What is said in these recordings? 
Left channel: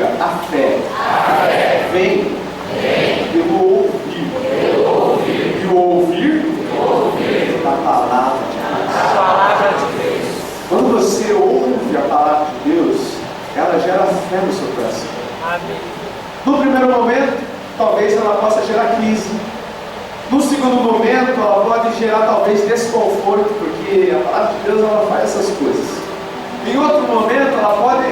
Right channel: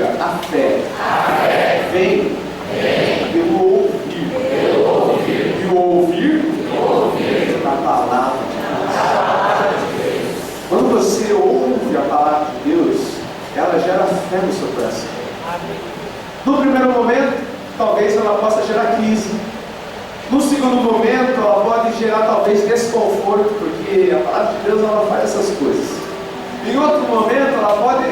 diga, a fé vem pelo ouvir. E o ouvir da palavra de Deus. Quando você ouve a palavra de Deus, ela gera fé no seu coração. No primeiro momento, talvez ela possa gerar crise. No segundo momento, ela pode gerar talvez desconforto, porque a palavra de Deus ela faz essas coisas. Em outro momento, ela pode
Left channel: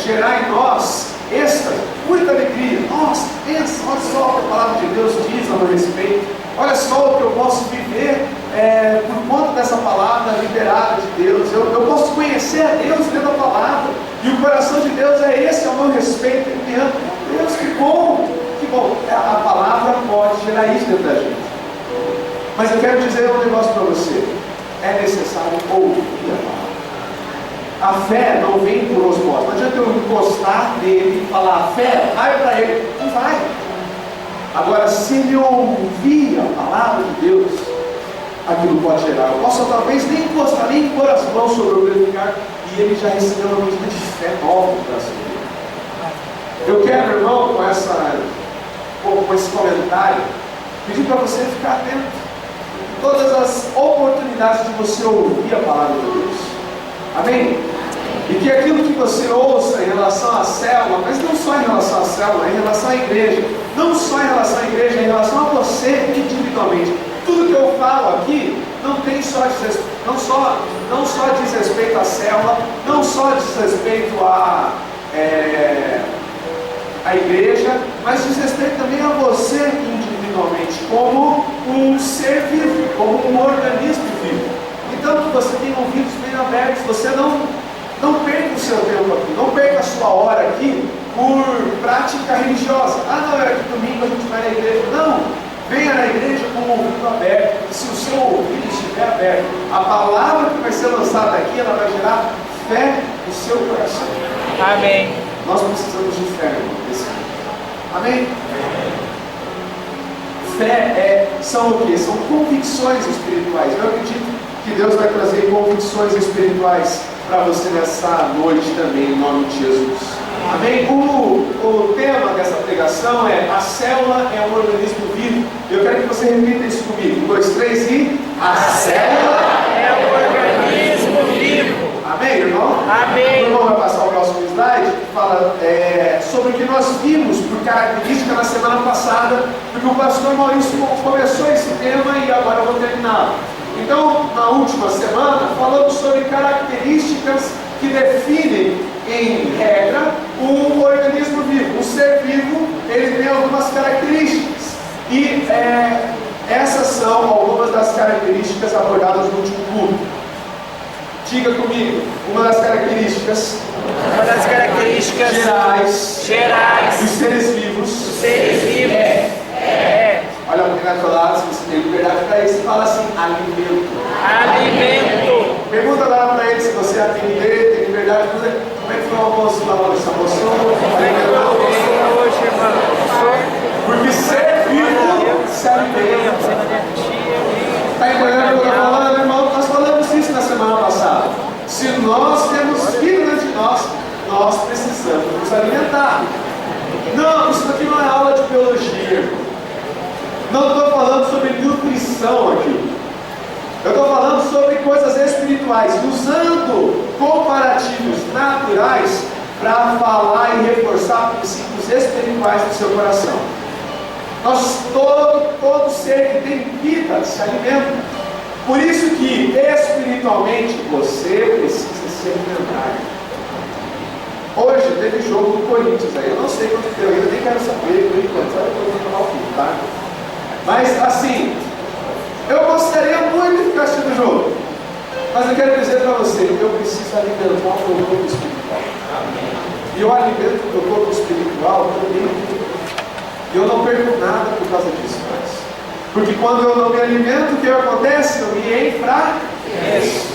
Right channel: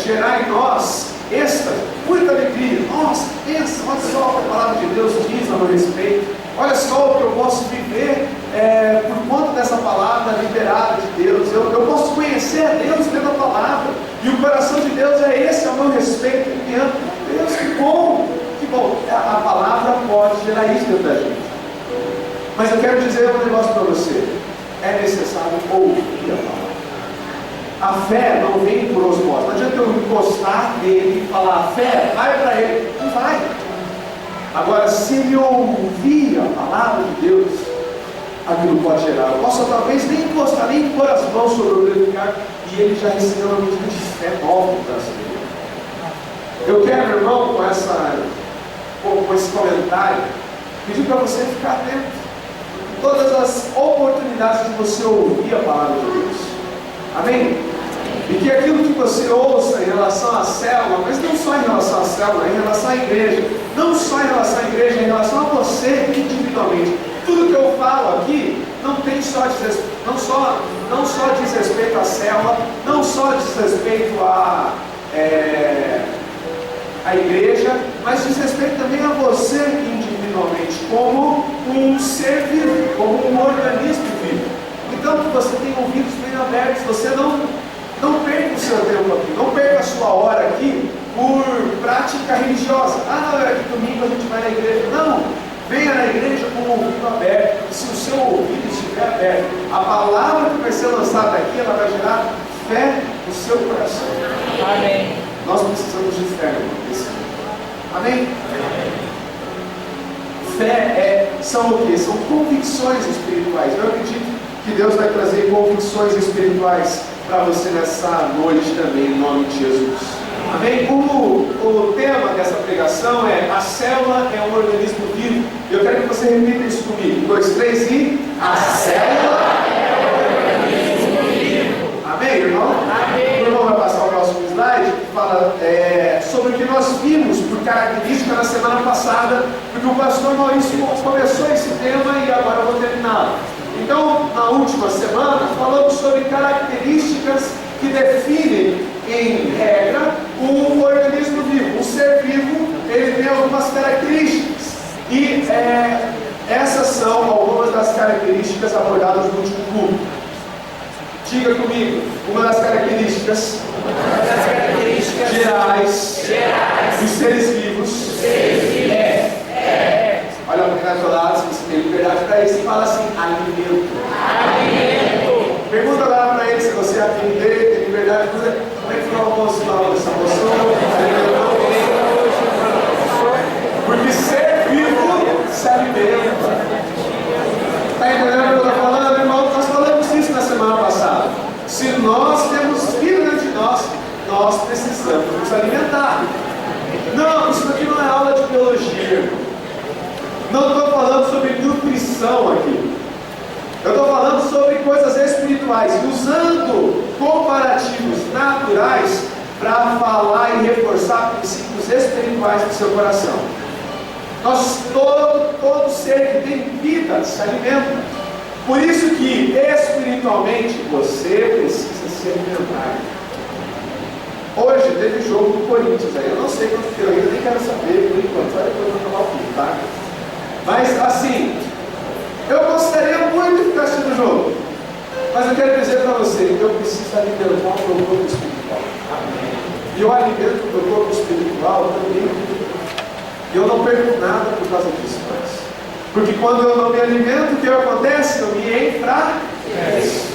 gerar em nós êxtase, muita alegria. Nossa, pensa, olha só o que a palavra de Deus diz a meu respeito. Olha só o que eu posso viver por conta dessa palavra liberada de Deus. Eu posso conhecer a Deus pela palavra. E o coração de Deus é esse ao meu respeito. Ele me ama. Deus, que bom, que bom. A palavra pode gerar isso dentro da gente. Mas eu quero dizer um negócio para você. É necessário ouvir a palavra. A fé não vem por osmose. Não adianta eu encostar nele e falar, a fé, vai para ele. Não vai. Agora, se ele ouvir a palavra de Deus, aquilo pode gerar. Eu posso talvez nem encostar, nem pôr as mãos sobre o meu lugar, e ele já recebeu uma medida de fé nova no coração dele. Eu quero, irmão, com esse comentário, pedir para você ficar atento. Todas as oportunidades de você ouvir a palavra de Deus. Amém? E que aquilo que você ouça em relação à célula, mas não só em relação à célula, em relação à igreja, não só em relação à igreja, em relação a você individualmente. Tudo que eu falo aqui não só diz respeito à célula, não só diz respeito à igreja, mas diz respeito também a você individualmente, como um ser vivo, como um organismo vivo. Então que você tenha ouvidos bem abertos, você não perca o seu tempo aqui, não perca a sua hora aqui por prática religiosa. Não, é que domingo a gente vai na igreja. Não, venha na igreja com o ouvido aberto. E se o seu ouvido estiver aberto, a palavra que vai ser lançada aqui, ela vai gerar fé no seu coração. Amém. Nós precisamos de fé nesse mundo. Amém? Fé são o quê? São convicções espirituais. Eu acredito que Deus vai trazer convicções espirituais para você nessa noite também, em nome de Jesus. Amém? O tema dessa pregação é: a célula é um organismo vivo. Eu quero que você repita isso comigo. 1, 2, 3 e... A célula é um organismo vivo. Amém, irmão? Amém. O irmão vai passar o próximo slide, que fala sobre o que nós vimos por característica na semana passada, porque o pastor Maurício começou esse tema e agora eu vou terminar. Então, na última semana, falamos sobre características que definem, em regra, um organismo vivo. Um ser vivo, ele tem algumas características. E essas são algumas das características abordadas no último culto. Diga comigo, uma das características gerais dos seres vivos é. Olha para quem vai do lado, se você tem liberdade para isso, fala assim: alimento. Pergunta lá para ele se você tem liberdade. Como é que foi o almoço lá hoje? Você almoçou? Alimentou? Porque ser vivo se alimenta. Está entendendo o que eu estou falando, irmão? Nós falamos isso na semana passada. Se nós temos vida dentro de nós, nós precisamos nos alimentar. Não, isso aqui não é aula de biologia, irmão. Não estou falando sobre nutrição aqui. Eu estou falando sobre coisas espirituais, usando comparativos naturais para falar e reforçar princípios espirituais no seu coração. Todo ser que tem vida se alimenta. Por isso que espiritualmente você precisa se alimentar. Hoje teve jogo do Corinthians aí. Eu não sei quanto deu ainda, nem quero saber por enquanto. Só depois eu vou tomar o fim, tá? Mas assim, eu gostaria muito de ficar assistindo o jogo, mas eu quero dizer para você, eu preciso alimentar o meu corpo espiritual. Amém. E eu alimento o meu corpo espiritual também. E eu não perco nada por causa disso mais. Porque quando eu não me alimento, o que acontece? Eu me enfraqueço.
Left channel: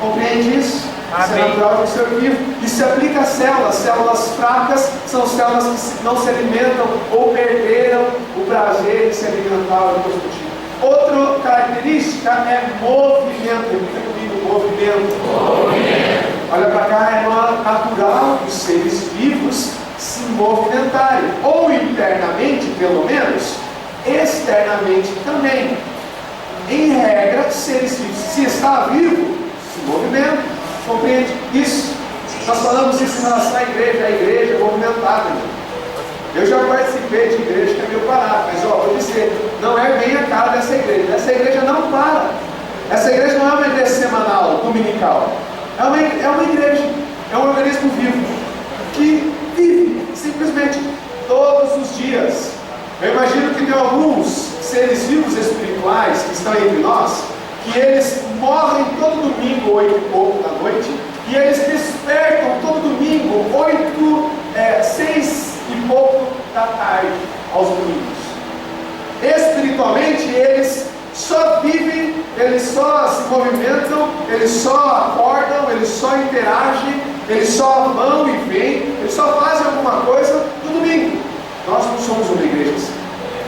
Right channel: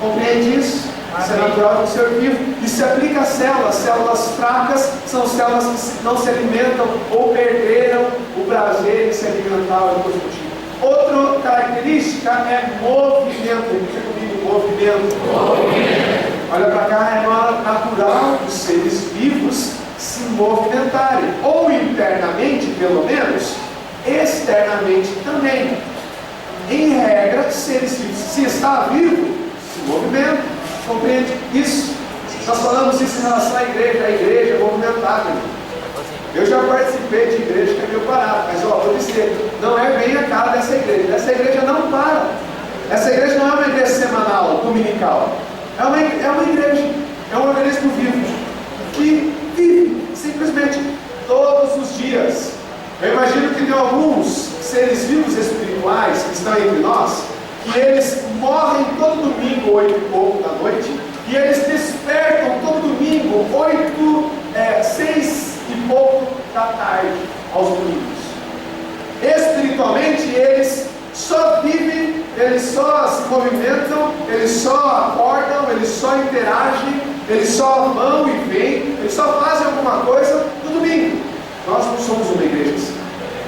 Compreende isso? Isso é natural de um ser vivo. Isso se aplica a células. Células fracas são células que não se alimentam ou perderam o prazer de se alimentar ou de outra característica é movimento. Repita comigo, movimento. Olha para cá, é natural dos seres vivos movimentarem, ou internamente, pelo menos, externamente também. Em regra, seres vivos, se está vivo, se movimenta, compreende isso? Nós falamos isso em relação à igreja. A igreja é movimentada, irmão. Eu já participei de igreja que é meio parado, mas vou dizer, não é bem a cara dessa igreja. Essa igreja não para. Essa igreja não é uma igreja semanal, dominical. É uma igreja, é um organismo vivo, que vive simplesmente todos os dias. Eu imagino que tem alguns seres vivos espirituais que estão entre nós, que eles morrem todo domingo, 8 e pouco da noite, e eles despertam todo domingo, 6 e pouco da tarde, aos domingos. Espiritualmente, eles só vivem, eles só se movimentam, eles só acordam, eles só interagem, eles só vão e vêm, eles só fazem alguma coisa no domingo. Nós não somos uma igreja assim.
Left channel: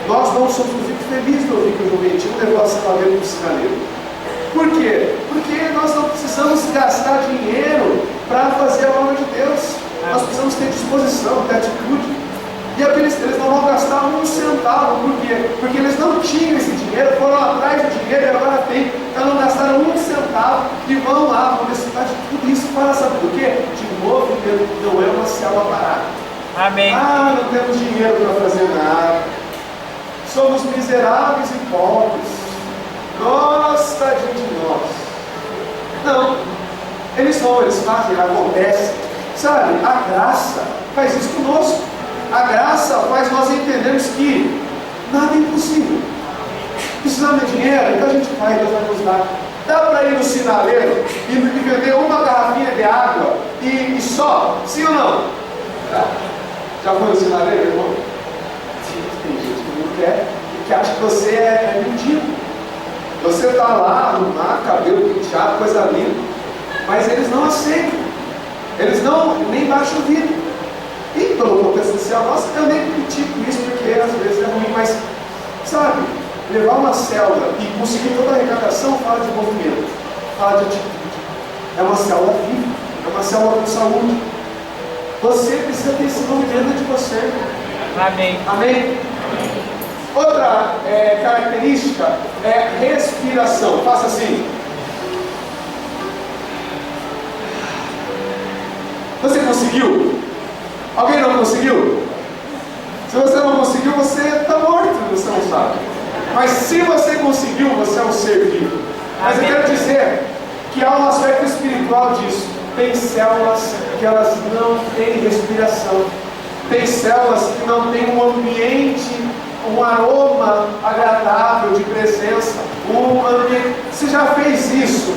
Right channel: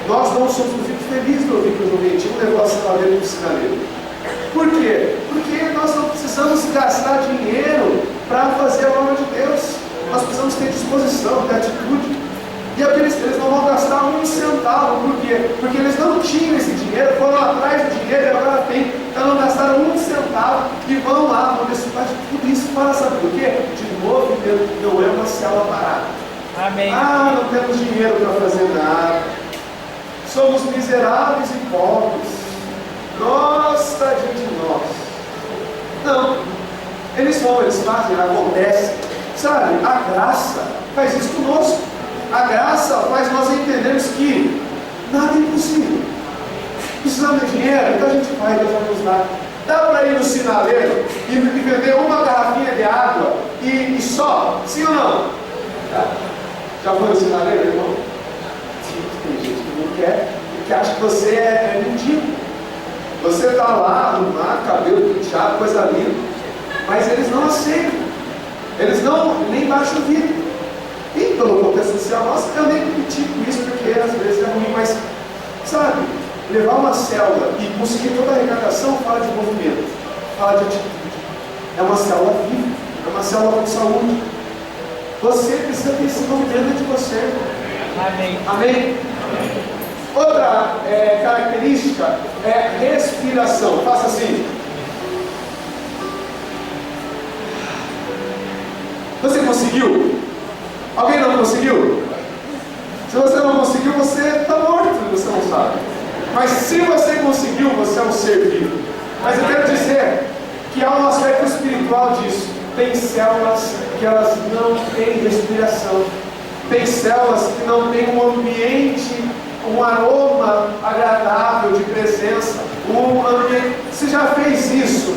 Nós não somos. Eu fico feliz de ouvir que o Juventude levou a Saladeira para o Sinaleiro. Por quê? Porque nós não precisamos gastar dinheiro para fazer a obra de Deus. Nós precisamos ter disposição, ter atitude. E eles não vão gastar um centavo. Por quê? Porque eles não tinham esse dinheiro, foram atrás do dinheiro e agora tem. Então não gastaram um centavo e vão lá, vão desfrutar de tudo isso para saber do quê? De movimento, não é uma célula parada. Amém. Ah, não temos dinheiro para fazer nada. Somos miseráveis e pobres. Nossa, tadinho de nós. Não. Eles vão, eles fazem, acontece. Sabe, a graça faz isso conosco. A graça faz nós entendermos que nada é impossível. Precisamos de dinheiro, então a gente vai, Deus vai nos dar. Dá para ir no sinaleiro e vender uma garrafinha de água e só? Sim ou não? Já foi no sinaleiro, irmão? Tem gente que não quer, que acha que você é mendigo. Você está lá, arrumar, cabelo penteado, coisa linda, mas eles não aceitam. Eles não, nem baixam o vidro. E pelo contexto social nosso, eu nem critico isso, porque às vezes é ruim, mas, sabe, levar uma célula e conseguir toda a arrecadação fala de movimento, fala de atitude. É uma célula viva, é uma célula com saúde. Você precisa ter esse movimento de você. Amém. Amém? Outra característica é respiração. Faça assim. Você conseguiu? Alguém não conseguiu? Se você não conseguiu, você está morto, você não sabe. Mas se você conseguiu, você é um ser vivo. Mas eu quero dizer que há um aspecto espiritual disso. Tem células que elas não têm respiração. Tem células que não têm um ambiente, um aroma agradável de presença. Um ambiente. Você já fez isso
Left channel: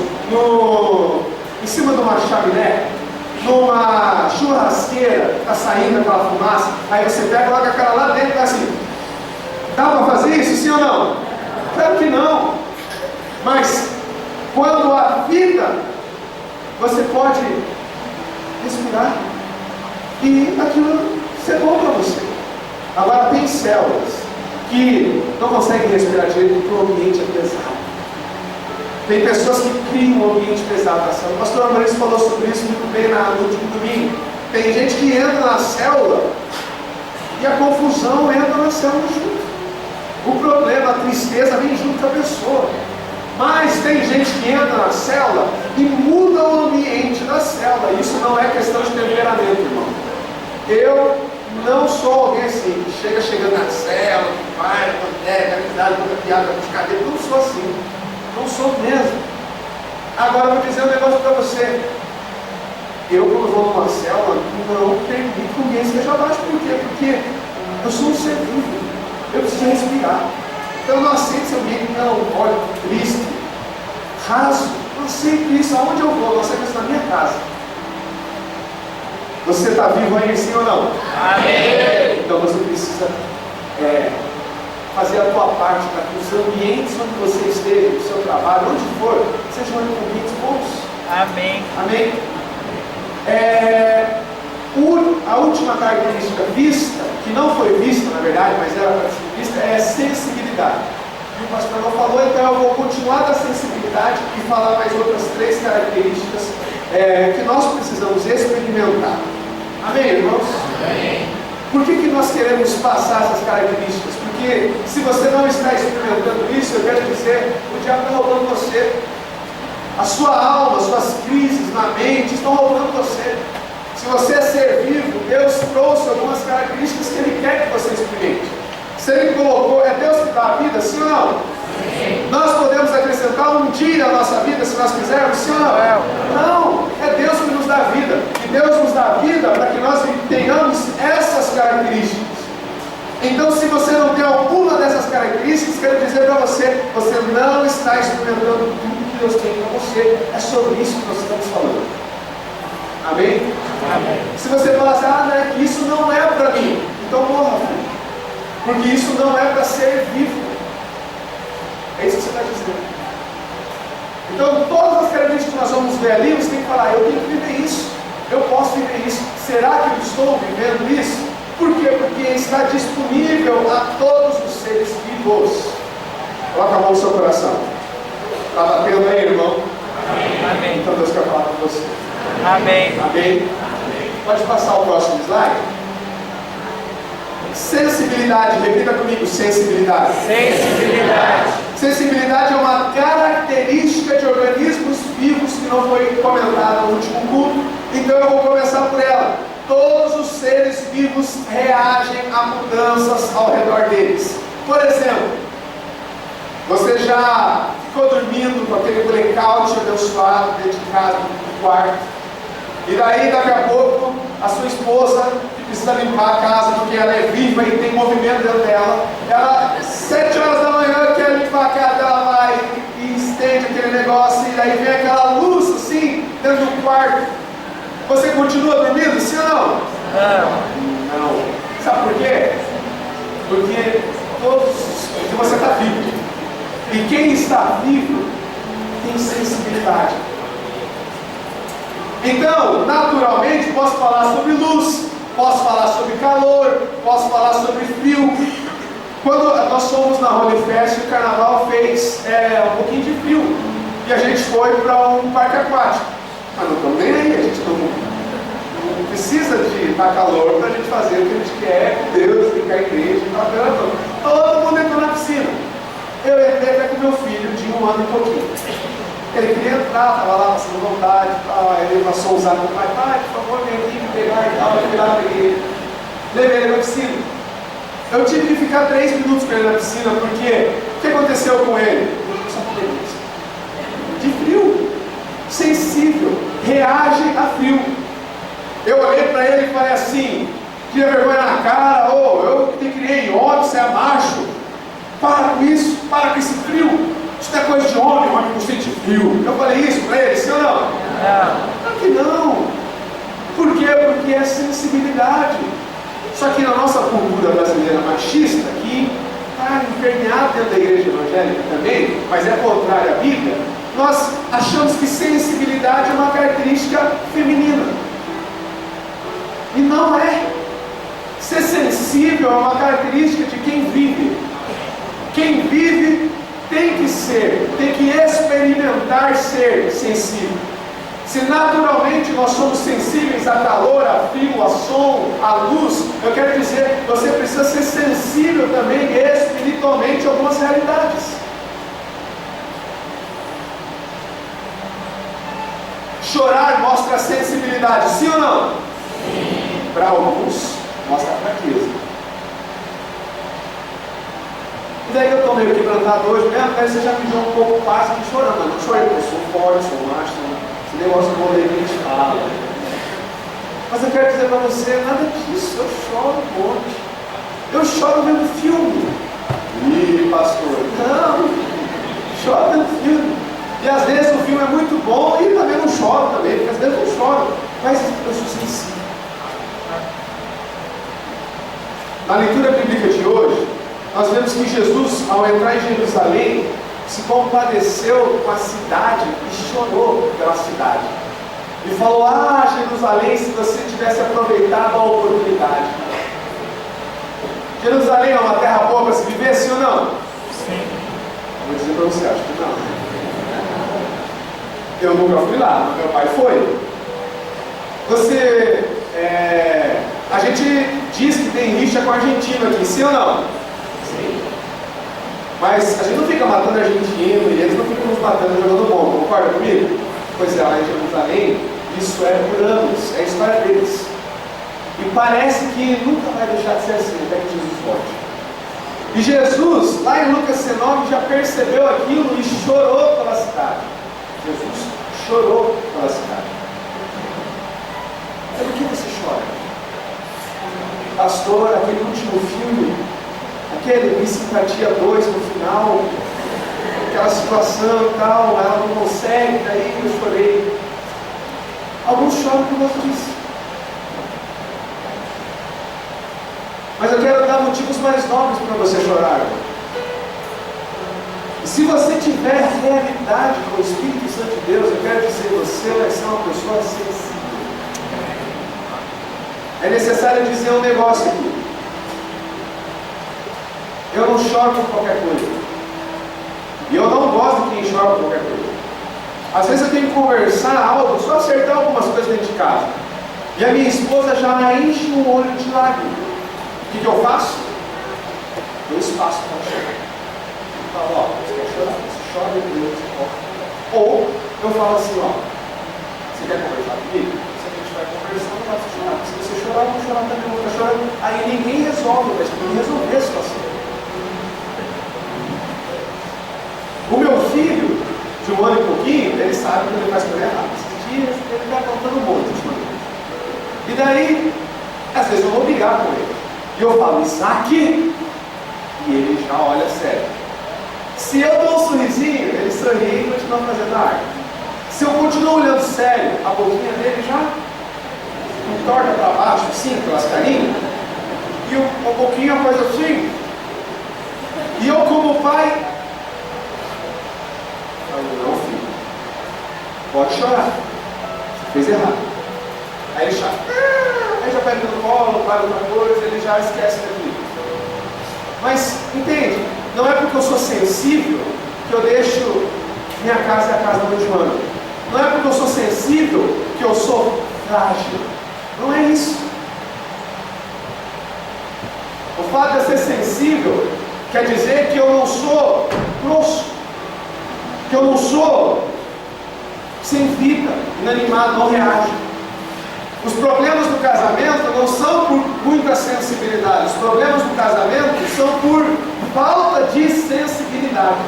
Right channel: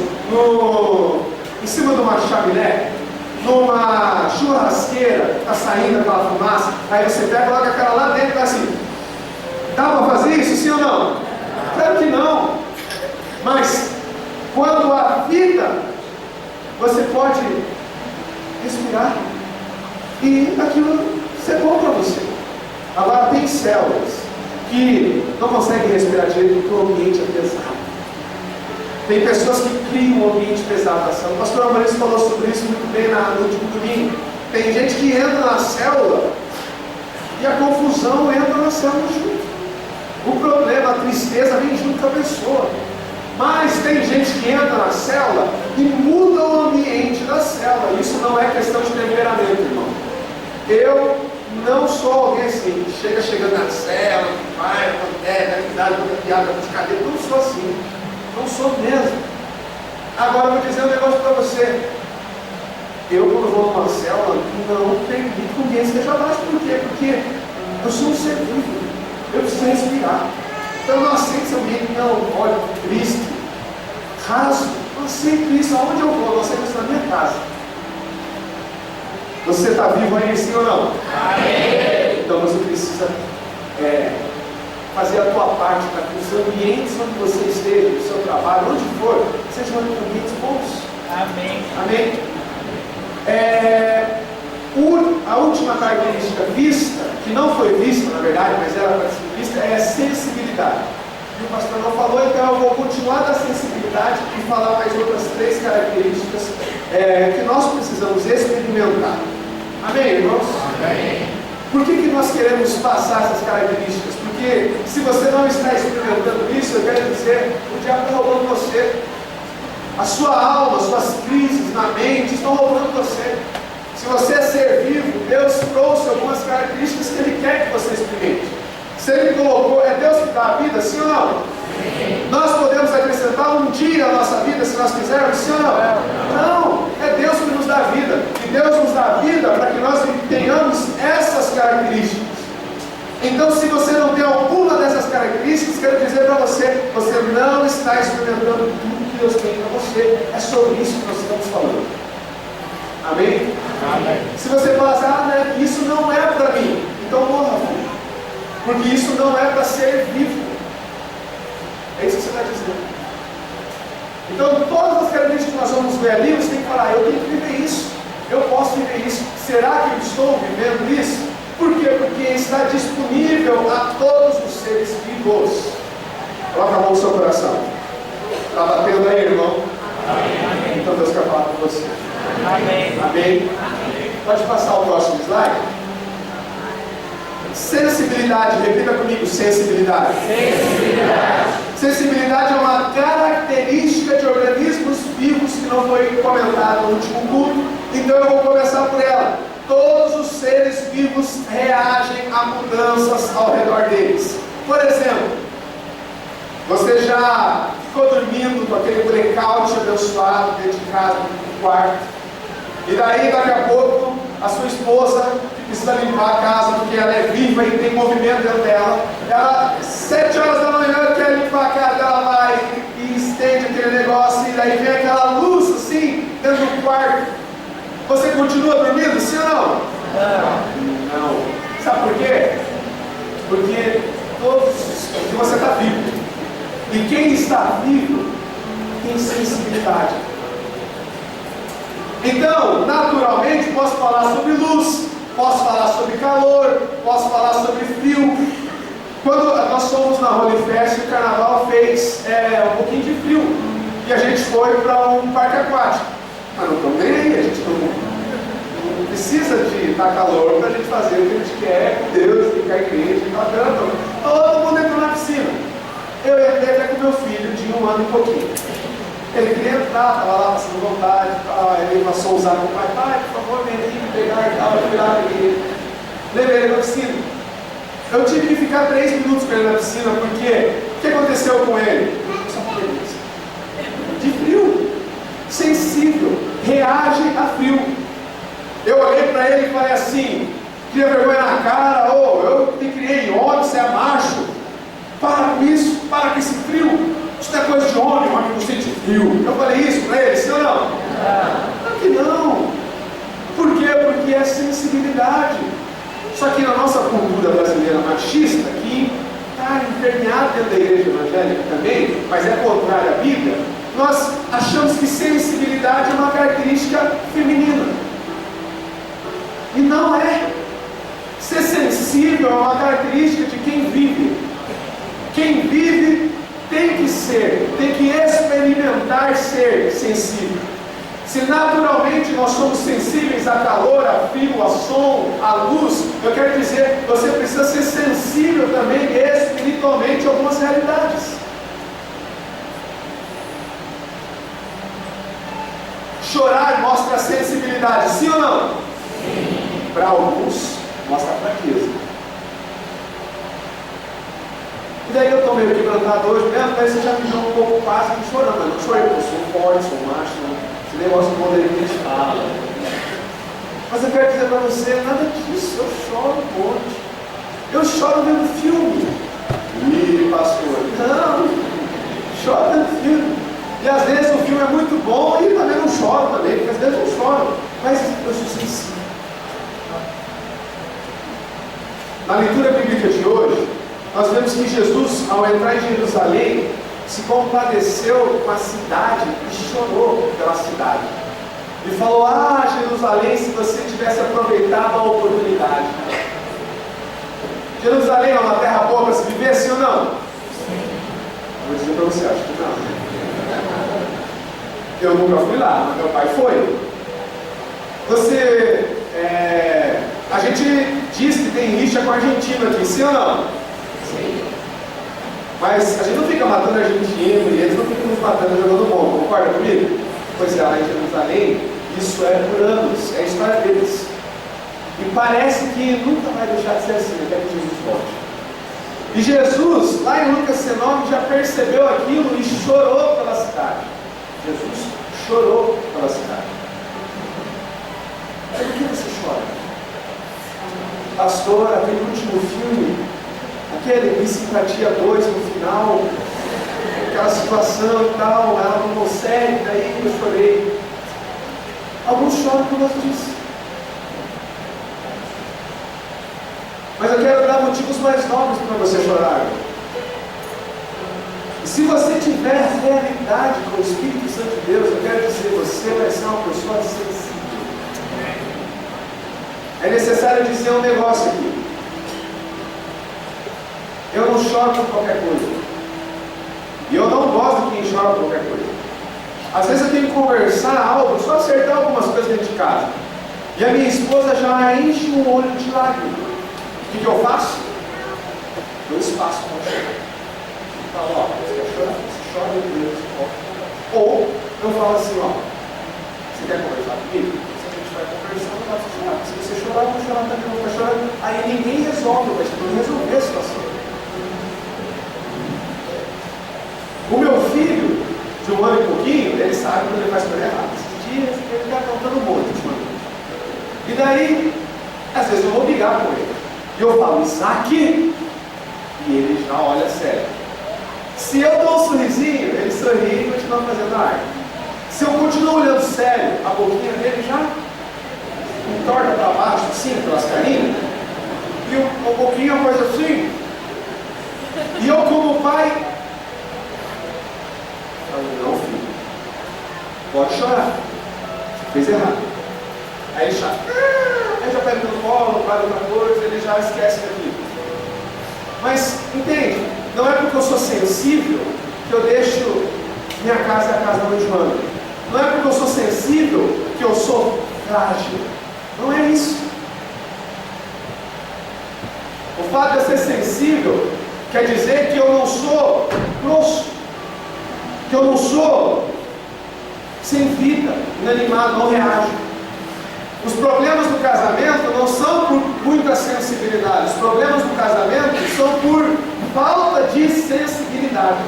em cima de uma chaminé? Numa churrasqueira, está saindo aquela fumaça, aí você pega e coloca aquela lá dentro e tá assim. Dá para fazer isso, sim ou não? Claro que não. Mas quando há vida, você pode respirar e aquilo ser bom para você. Agora tem células que não conseguem respirar direito porque o ambiente é pesado. Tem pessoas que criam um ambiente pesado na célula. O pastor Amorim falou sobre isso muito bem no último domingo. Tem gente que entra na célula e a confusão entra na célula junto. O problema, a tristeza vem junto com a pessoa. Mas tem gente que entra na célula e muda o ambiente da célula. Isso não é questão de temperamento, irmão. Eu não sou alguém assim, que chegando na célula, que vai, pega amizade, conta piada, com cadeira. Não sou assim. Não sou mesmo. Agora eu vou dizer um negócio para você. Eu, quando vou numa célula, não permito que ninguém esteja abaixo. Por quê? Porque eu sou um ser vivo. Eu preciso respirar. Então eu não aceito esse ambiente melancólico, triste, raso. Não aceito isso. Aonde eu vou? Eu não aceito isso na minha casa. Você está vivo aí, sim ou não? Amém. Então você precisa fazer a tua parte para que os ambientes onde você esteja, o seu trabalho, onde for, sejam ambientes bons. Amém. Amém? A última característica vista, que não foi vista na verdade, mas era para ser vista, é a sensibilidade. E o pastor não falou, então eu vou continuar da sensibilidade e falar mais outras 3 características que nós precisamos experimentar. Amém, irmãos? Amém. Por que nós queremos passar essas características? Porque se você não está experimentando isso, eu quero dizer, o diabo está roubando você. A sua alma, suas crises na mente estão roubando você. Se você é ser vivo, Deus trouxe algumas características que Ele quer que você experimente. Se Ele colocou, é Deus que dá a vida, sim ou não? Sim. Nós podemos acrescentar um dia à nossa vida, se nós quisermos, sim ou não? Não, é Deus que nos dá a vida. E Deus nos dá a vida para que nós tenhamos essas características. Então, se você não tem alguma dessas características, quero dizer para você, você não está experimentando tudo que Deus tem para você. É sobre isso que nós estamos falando. Amém? Amém. Se você falar assim, né, isso não é para mim, então morra, filho. Porque isso não é para ser vivo. É isso que você está dizendo. Então, todas as características que nós vamos ver ali, você tem que falar, eu tenho que viver isso. Eu posso viver isso. Será que eu estou vivendo isso? Por quê? Porque está disponível a todos os seres vivos. Coloca a mão no seu coração. Está batendo aí, irmão? Amém. Então Deus quer falar com você. Amém. Amém. Pode passar o próximo slide. Sensibilidade, repita comigo, sensibilidade. Sensibilidade. Sensibilidade é uma característica de organismos vivos que não foi comentada no último culto, então eu vou começar por ela. Todos os seres vivos reagem a mudanças ao redor deles. Por exemplo, você já ficou dormindo com aquele blackout abençoado dentro de casa, no quarto, e daí daqui a pouco a sua esposa, que precisa limpar a casa porque ela é viva e tem movimento dentro dela, ela 7 horas da manhã quer limpar a casa, ela vai e estende aquele negócio, e daí vem aquela luz assim dentro do quarto. Você continua dormindo, sim ou não? Não. Sabe por quê? Porque você está vivo. E quem está vivo tem sensibilidade. Então, naturalmente, posso falar sobre luz, posso falar sobre calor, posso falar sobre frio. Quando nós fomos na Holy Fest, o carnaval fez um pouquinho de frio. E a gente foi para um parque aquático. Mas não estamos nem aí, a gente não precisa de estar calor para a gente fazer o que a gente quer com Deus, ficar a igreja e tal. Todo mundo entrou na piscina. Eu entrei até com meu filho de 1 ano e pouquinho. Ele queria entrar, estava lá passando vontade, ele passou a usar com o pai, por favor, vem aqui me pegar e tal, eu fui lá, levei ele na piscina. Eu tive que ficar 3 minutos com ele na piscina, porque o que aconteceu com ele? Só de frio, sensível, reage a frio. Eu olhei para ele e falei assim, tinha vergonha na cara, eu te criei homem, você é macho, para com isso, para com esse frio. Isso não é coisa de homem não sente frio. Eu falei isso para ele, sim ou não? Claro que não. Por quê? Porque é sensibilidade. Só que na nossa cultura brasileira machista, que está impermeada dentro da igreja evangélica também, mas é contrária à Bíblia, nós achamos que sensibilidade é uma característica feminina. E não é. Ser sensível é uma característica de quem vive. Quem vive tem que experimentar ser sensível. Se naturalmente nós somos sensíveis a calor, a frio, a som, a luz, eu quero dizer, você precisa ser sensível também espiritualmente a algumas realidades. Chorar mostra sensibilidade, sim ou não? Sim. Para alguns, mostra fraqueza. E daí eu estou meio quebrantado hoje mesmo, mas você já me jogou um pouco quase que chorando, mas não chorei, porque eu sou forte, sou macho, esse negócio do mundo aí que a gente fala. Mas eu quero dizer para você, nada disso, eu choro um monte. Eu choro vendo filme. Ih, pastor, não, choro vendo filme. E às vezes o filme é muito bom e também não choro também, porque às vezes eu choro, mas eu sou sensível. Na leitura bíblica de hoje, nós vemos que Jesus, ao entrar em Jerusalém, se compadeceu com a cidade e chorou pela cidade. E falou, Jerusalém, se você tivesse aproveitado a oportunidade. Jerusalém é uma terra boa para se viver, sim ou não? Sim. Vou dizer para você, acho que não. Eu nunca fui lá, mas meu pai foi. A gente diz que tem rixa com a Argentina aqui, sim ou não? Sim. Mas a gente não fica matando argentino e eles não ficam nos matando jogando bomba, concorda comigo? Pois é, lá em Jerusalém, isso é por anos, é a história deles. E parece que nunca vai deixar de ser assim, até que Jesus volte. E Jesus, lá em Lucas 19, já percebeu aquilo e chorou pela cidade. Jesus chorou pela cidade. Mas por que você chora? Pastor, aquele último filme, aquele Simpatia 2 no final, aquela situação e tal, ela não consegue, daí eu chorei. Alguns choram por causa disso. Mas eu quero dar motivos mais nobres para você chorar. E se você tiver realidade com o Espírito Santo de Deus, eu quero dizer, você vai ser uma pessoa sensível. É necessário dizer um negócio aqui. Eu não choro por qualquer coisa. E eu não gosto de quem chora por qualquer coisa. Às vezes eu tenho que conversar algo, só acertar algumas coisas dentro de casa. E a minha esposa já enche o olho de lágrimas. O que eu faço? Dou espaço para chorar. Eu falo, ó, você quer chorar? Você chora e Deus volta. Ou eu falo assim, ó, você quer conversar comigo? Se a gente vai conversando, eu posso chorar. Se você chorar, eu vou chorar também, eu vou ficar chorando. Aí ninguém resolve, mas tem que resolver a situação. O meu filho, de 1 ano e pouquinho, ele sabe quando ele faz coisa errada. Esses dias ele está contando um monte ultimamente. E daí, às vezes eu vou brigar com ele. E eu falo, Isaac, e ele já olha sério. Se eu dou um sorrisinho, ele sorri e continua fazendo a arte. Se eu continuo olhando sério, a boquinha dele já entorta para baixo, assim, pelas carinhas, e a boquinha faz assim. E eu, como pai, falo, não, filho, pode chorar, você fez errado. Aí ele chora. Aí já pega no colo, faz outra coisa, ele já esquece daquilo. Mas, entende? Não é porque eu sou sensível que eu deixo minha casa a casa da mãe Joana. Não é porque eu sou sensível que eu sou frágil. Não é isso. O fato de eu ser sensível quer dizer que eu não sou grosso, que eu não sou sem vida, inanimado, não reajo. Os problemas do casamento não são por muita sensibilidade. Os problemas do casamento são por falta de sensibilidade.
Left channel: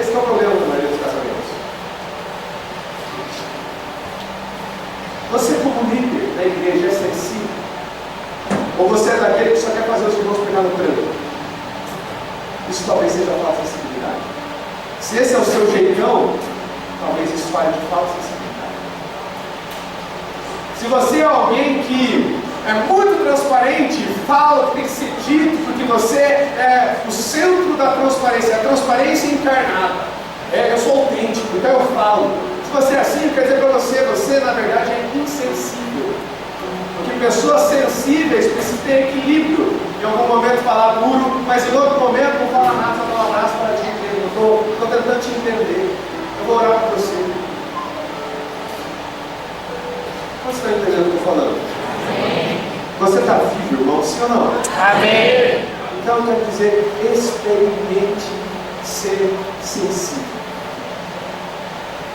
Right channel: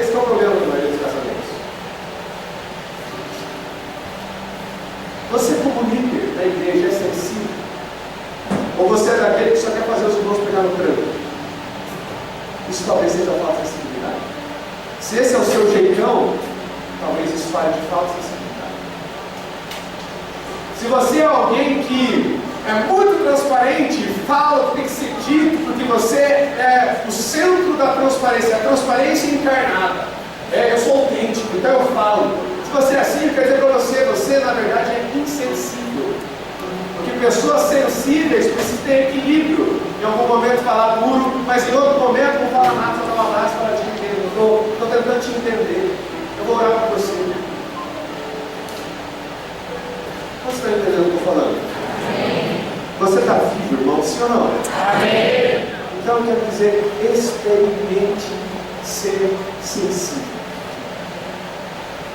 Esse é o problema da maioria dos casamentos. Você, como líder da igreja, é sensível? Ou você é daquele que só quer fazer os irmãos pegar no tranco? Isso talvez seja falta de sensibilidade. Se esse é o seu jeitão, talvez isso fale de falta de sensibilidade. Se você é alguém que é muito transparente, fala o que tem que ser dito, porque você é o centro da transparência, a transparência encarnada. Eu sou autêntico, então eu falo. Se você é assim, quer dizer para você na verdade é insensível. Porque pessoas sensíveis precisam ter equilíbrio. Em algum momento falar duro, mas em outro momento não falar nada, só dar um abraço para te entender. Estou tentando te entender. Eu vou orar por você. Você está entendendo o que eu estou falando? Amém. Você está vivo, irmão, sim ou não? Amém. Então eu quero dizer, experimente ser sensível.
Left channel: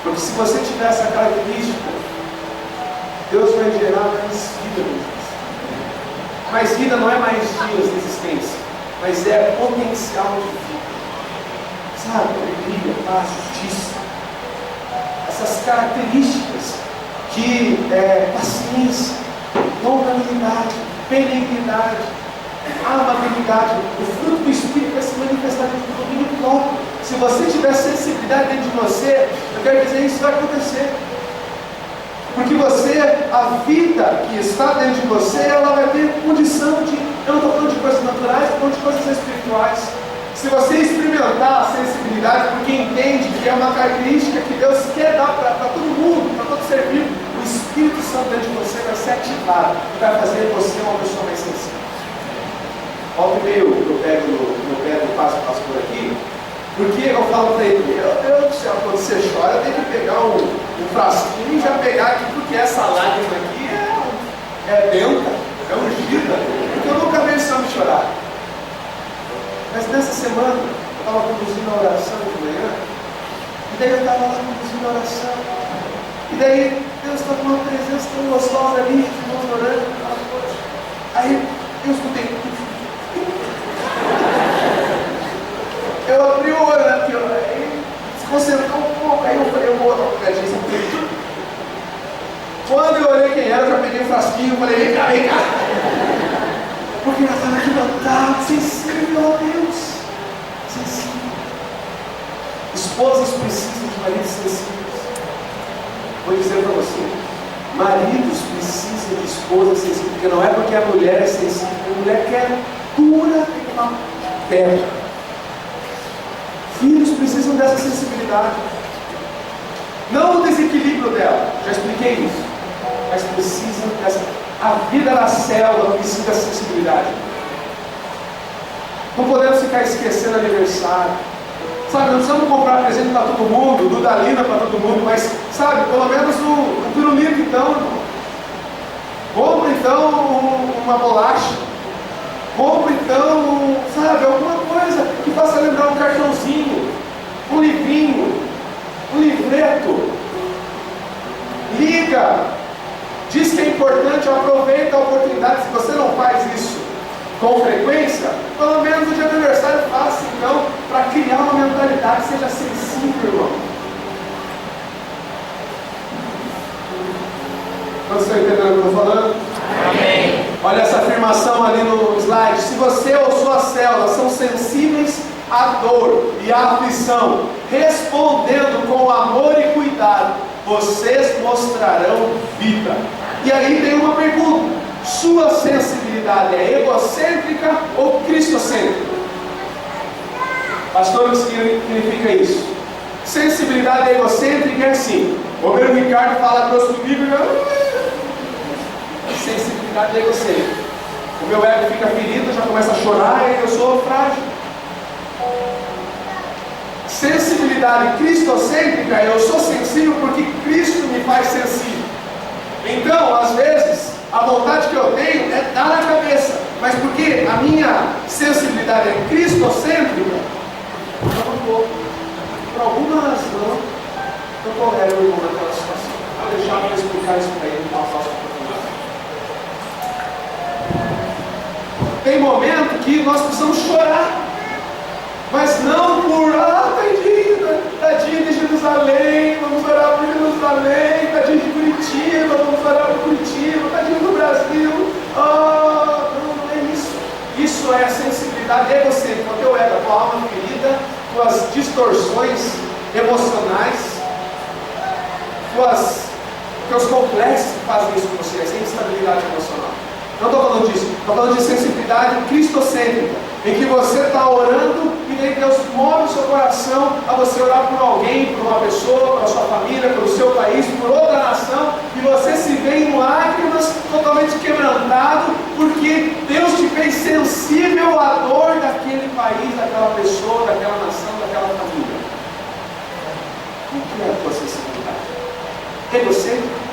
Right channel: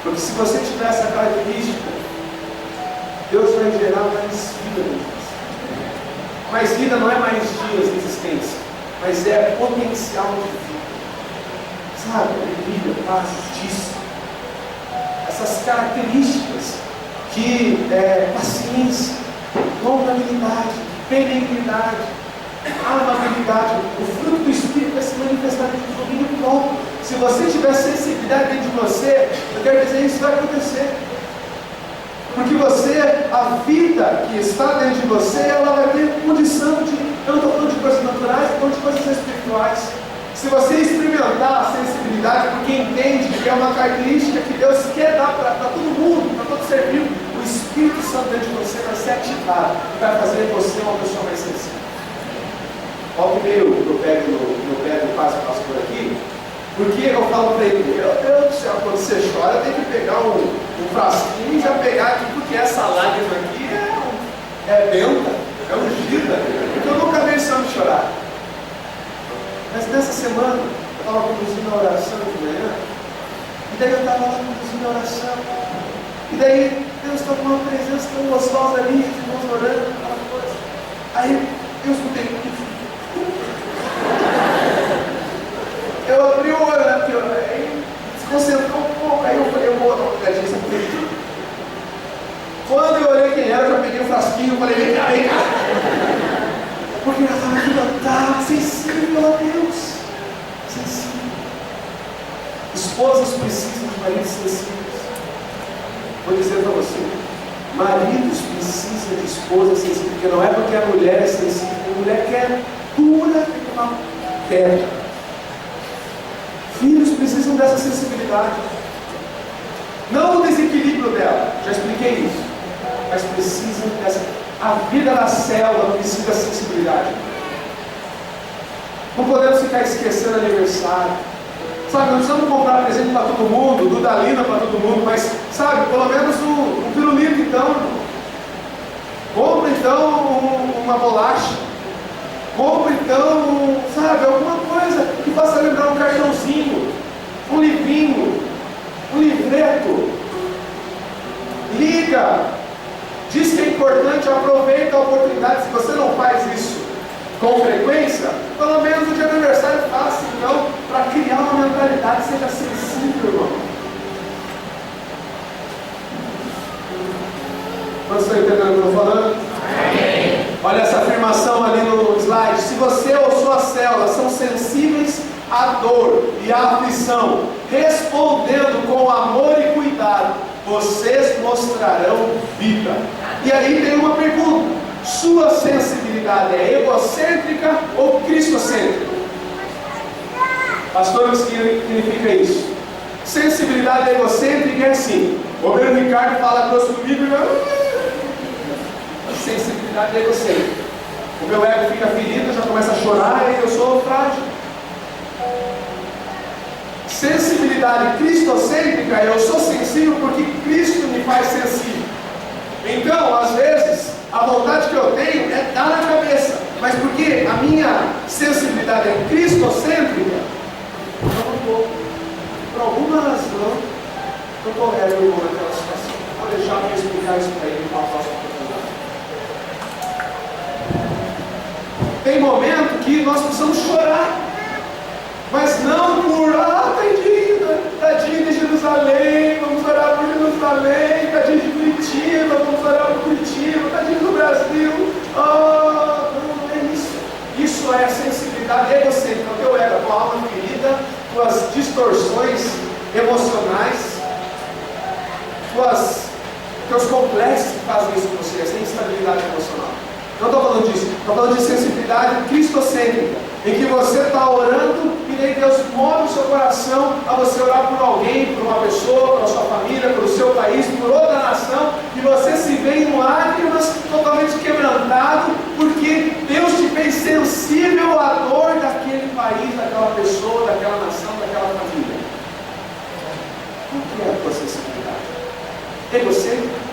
Porque se você tiver essa característica, Deus vai gerar mais vida em você. Mais vida não é mais dias de existência, mas é potencial de vida. Sabe? Alegria, paz, justiça. Essas características de paciência, longanimidade, benignidade, amabilidade. O fruto do Espírito vai se manifestar dentro do domínio próprio. Se você tiver sensibilidade dentro de você, eu quero dizer, isso vai acontecer. Porque você, a vida que está dentro de você, ela vai ter condição de, eu não estou falando de coisas naturais, estou falando de coisas espirituais. Se você experimentar a sensibilidade, porque entende que é uma característica que Deus quer dar para todo mundo, para todo ser vivo, o Espírito Santo dentro de você vai ser ativado e vai fazer você uma pessoa mais sensível. Olha o que eu pego no pé do pastor aqui, porque eu falo para ele, meu Deus do céu, quando você chora, tem que pegar um frasquinho e já pegar aqui, porque essa lágrima aqui é benta. é ungida, porque eu nunca vi esse homem chorar. Mas nessa semana, eu estava conduzindo a oração de manhã, e daí eu estava lá conduzindo a oração, e daí Deus estava com uma presença tão gostosa ali, os irmãos orando, aquela coisa. Aí eu escutei. Eu abri o olho aqui, aí desconcentrou um pouco, aí eu falei, eu vou dar uma pegadinha, sabe? Quando eu olhei quem era, eu já peguei o frasquinho e falei, vem cá, vem cá. Porque ela estava quebrantada, sensível a Deus. Sensível. Esposas precisam de maridos sensíveis. Vou dizer para você, maridos precisam de esposas sensíveis, porque não é porque a mulher é sensível, a mulher que é dura, tem uma pedra. Filhos precisam dessa sensibilidade. Não o desequilíbrio dela, já expliquei isso. Mas precisam dessa. A vida na selva precisa dessa sensibilidade. Não podemos ficar esquecendo aniversário. Sabe, não precisamos comprar presente para todo mundo, dudalina para todo mundo, mas, sabe, pelo menos um pirulito então, irmão. Compra então uma bolacha. Compra então, sabe, alguma coisa que faça lembrar um cartãozinho, um livrinho, um livreto. Liga, diz que é importante, aproveita a oportunidade. Se você não faz isso com frequência, pelo menos no dia do aniversário faça então, para criar uma mentalidade, seja sensível, irmão. Quantos estão entendendo o que eu estou falando? Amém. Olha essa afirmação ali no slide. Se você ou suas células são sensíveis à dor e à aflição, respondendo com amor e cuidado, vocês mostrarão vida. E aí tem uma pergunta: sua sensibilidade é egocêntrica ou cristocêntrica? Pastor, o que significa isso? Sensibilidade egocêntrica é assim: o meu Ricardo fala grosso comigo e eu... Sensibilidade egocêntrica. O meu ego fica ferido, já começa a chorar e eu sou frágil. Sensibilidade cristocêntrica, eu sou sensível porque Cristo me faz sensível. Então, às vezes, a vontade que eu tenho é dar na cabeça, mas porque a minha sensibilidade é cristocêntrica, eu não estou. Por alguma razão, eu tolero o irmão naquela situação. Vou deixar eu explicar isso para ele, uma próxima oportunidade. Tem momento que nós precisamos chorar, mas não por, tadinho de Jerusalém, vamos orar por Jerusalém, tadinho de Curitiba, vamos orar por Curitiba, tadinho do Brasil. Não é isso. Isso é a sensibilidade egocêntrica, o teu ego, a tua alma ferida, tuas distorções emocionais, teus complexos que fazem isso com você, essa instabilidade emocional. Não estou falando disso, estou falando de sensibilidade cristocêntrica, em que você está orando e daí Deus move o seu coração a você orar por alguém, por uma pessoa, pela sua família, pelo seu país, por outra nação, e você se vê em lágrimas, totalmente quebrantado, porque Deus te fez sensível à dor daquele país, daquela pessoa, daquela nação, daquela família. O que é a tua sensibilidade? Egocêntrica?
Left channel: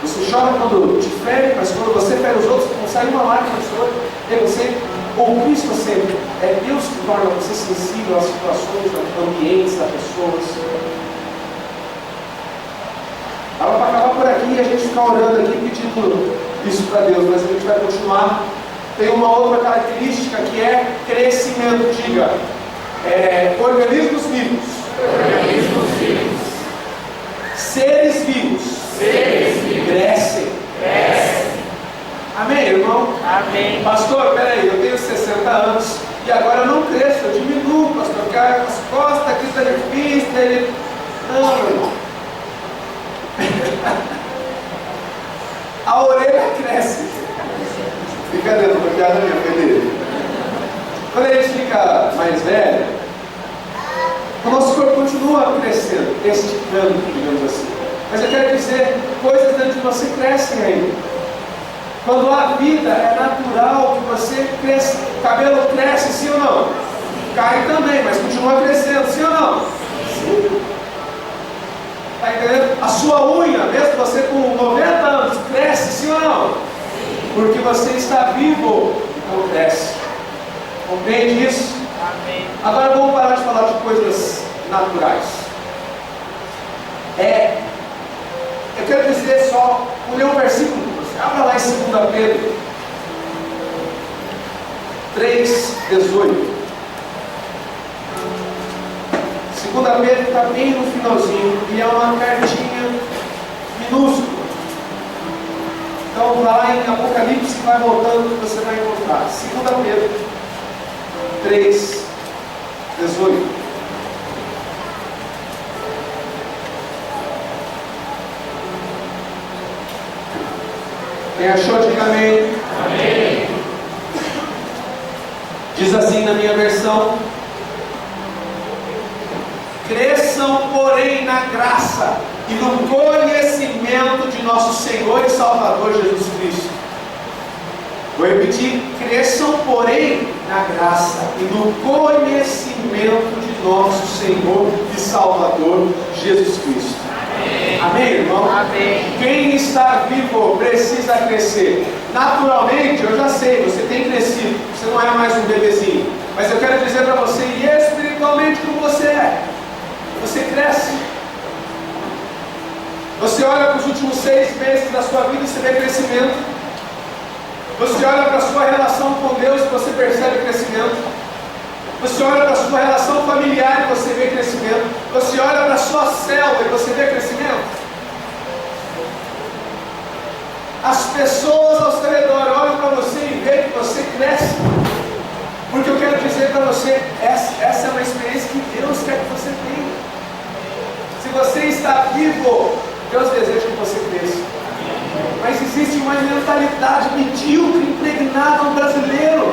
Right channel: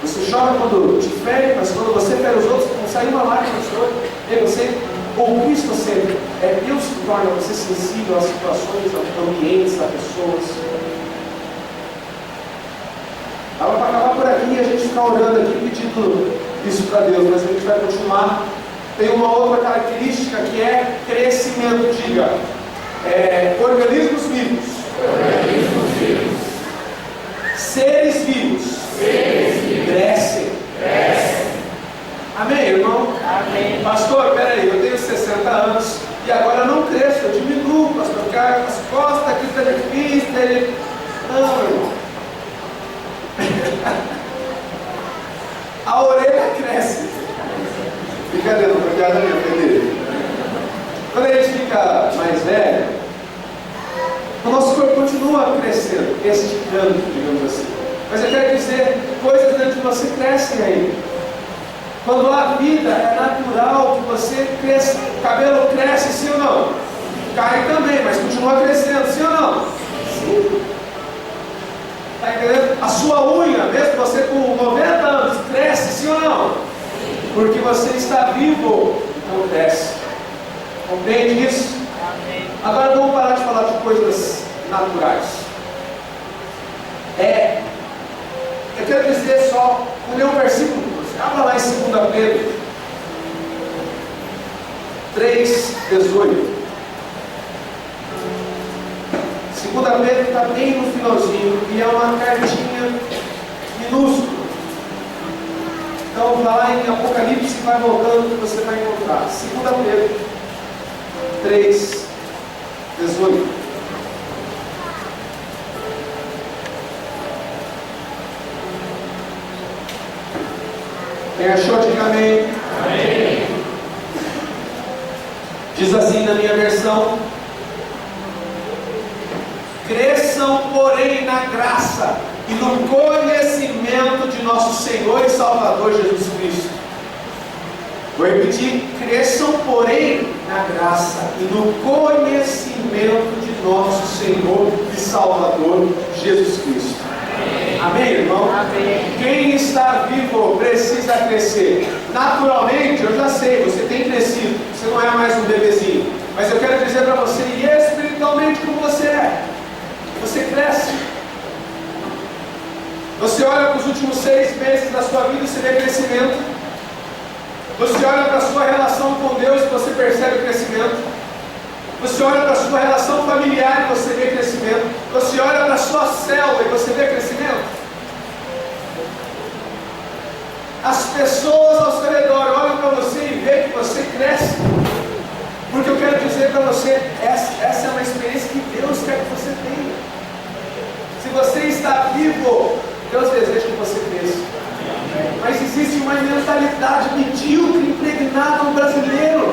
Você chora quando te fere, mas quando você fere os outros, não sai uma lágrima do seu olho. É você, ou Cristo sempre, é Deus que torna você sensível às situações, aos ambientes das pessoas. Dava para acabar por aqui e a gente ficar orando aqui pedindo isso para Deus, mas a gente vai continuar. Tem uma outra característica que é crescimento, diga, organismos vivos. Organismos vivos. Seres vivos. Crescem. Amém, irmão? Amém. Pastor, peraí, eu tenho 60 anos e agora eu não cresço, eu diminuo, pastor, porque as costas aqui está difícil, ele... Não, irmão. A orelha cresce. Brincadeira, uma piada minha, Felipe. Quando a gente fica mais velho, o nosso corpo continua crescendo, esticando, digamos assim. Mas eu quero dizer, coisas dentro de você crescem ainda. Quando a vida é natural que você cresça, o cabelo cresce, sim ou não? Cai também, mas continua crescendo, sim ou não? Sim. Está entendendo? A sua unha, mesmo você com 90 anos, cresce, sim ou não? Porque você está vivo, então cresce. Compreende isso? Amém. Agora vamos parar de falar de coisas naturais. Eu quero dizer só, vou ler um versículo para você. Abra lá em 2 Pedro 3,18. 2 Pedro está bem no finalzinho e é uma cartinha minúscula. Então vai lá em Apocalipse e vai voltando que você vai encontrar. 2 Pedro 3,18. Quem achou, diga amém. Amém. Diz assim na minha versão: cresçam, porém, na graça e no conhecimento de nosso Senhor e Salvador Jesus Cristo. Vou repetir: cresçam, porém, na graça e no conhecimento de nosso Senhor e Salvador Jesus Cristo. Amém, irmão? Amém. Quem está vivo precisa crescer. Naturalmente, eu já sei, você tem crescido, você não é mais um bebezinho. Mas eu quero dizer para você, e espiritualmente como você é, você cresce. Você olha para os últimos 6 meses da sua vida e você vê crescimento. Você olha para a sua relação com Deus e você percebe crescimento. Você olha para a sua relação familiar e você vê crescimento. Você olha para a sua célula e você vê crescimento. As pessoas ao seu redor olham para você e veem que você cresce. Porque eu quero dizer para você, essa é uma experiência que Deus quer que você tenha. Se você está vivo, Deus deseja que você cresça. Mas existe uma mentalidade medíocre impregnada no brasileiro,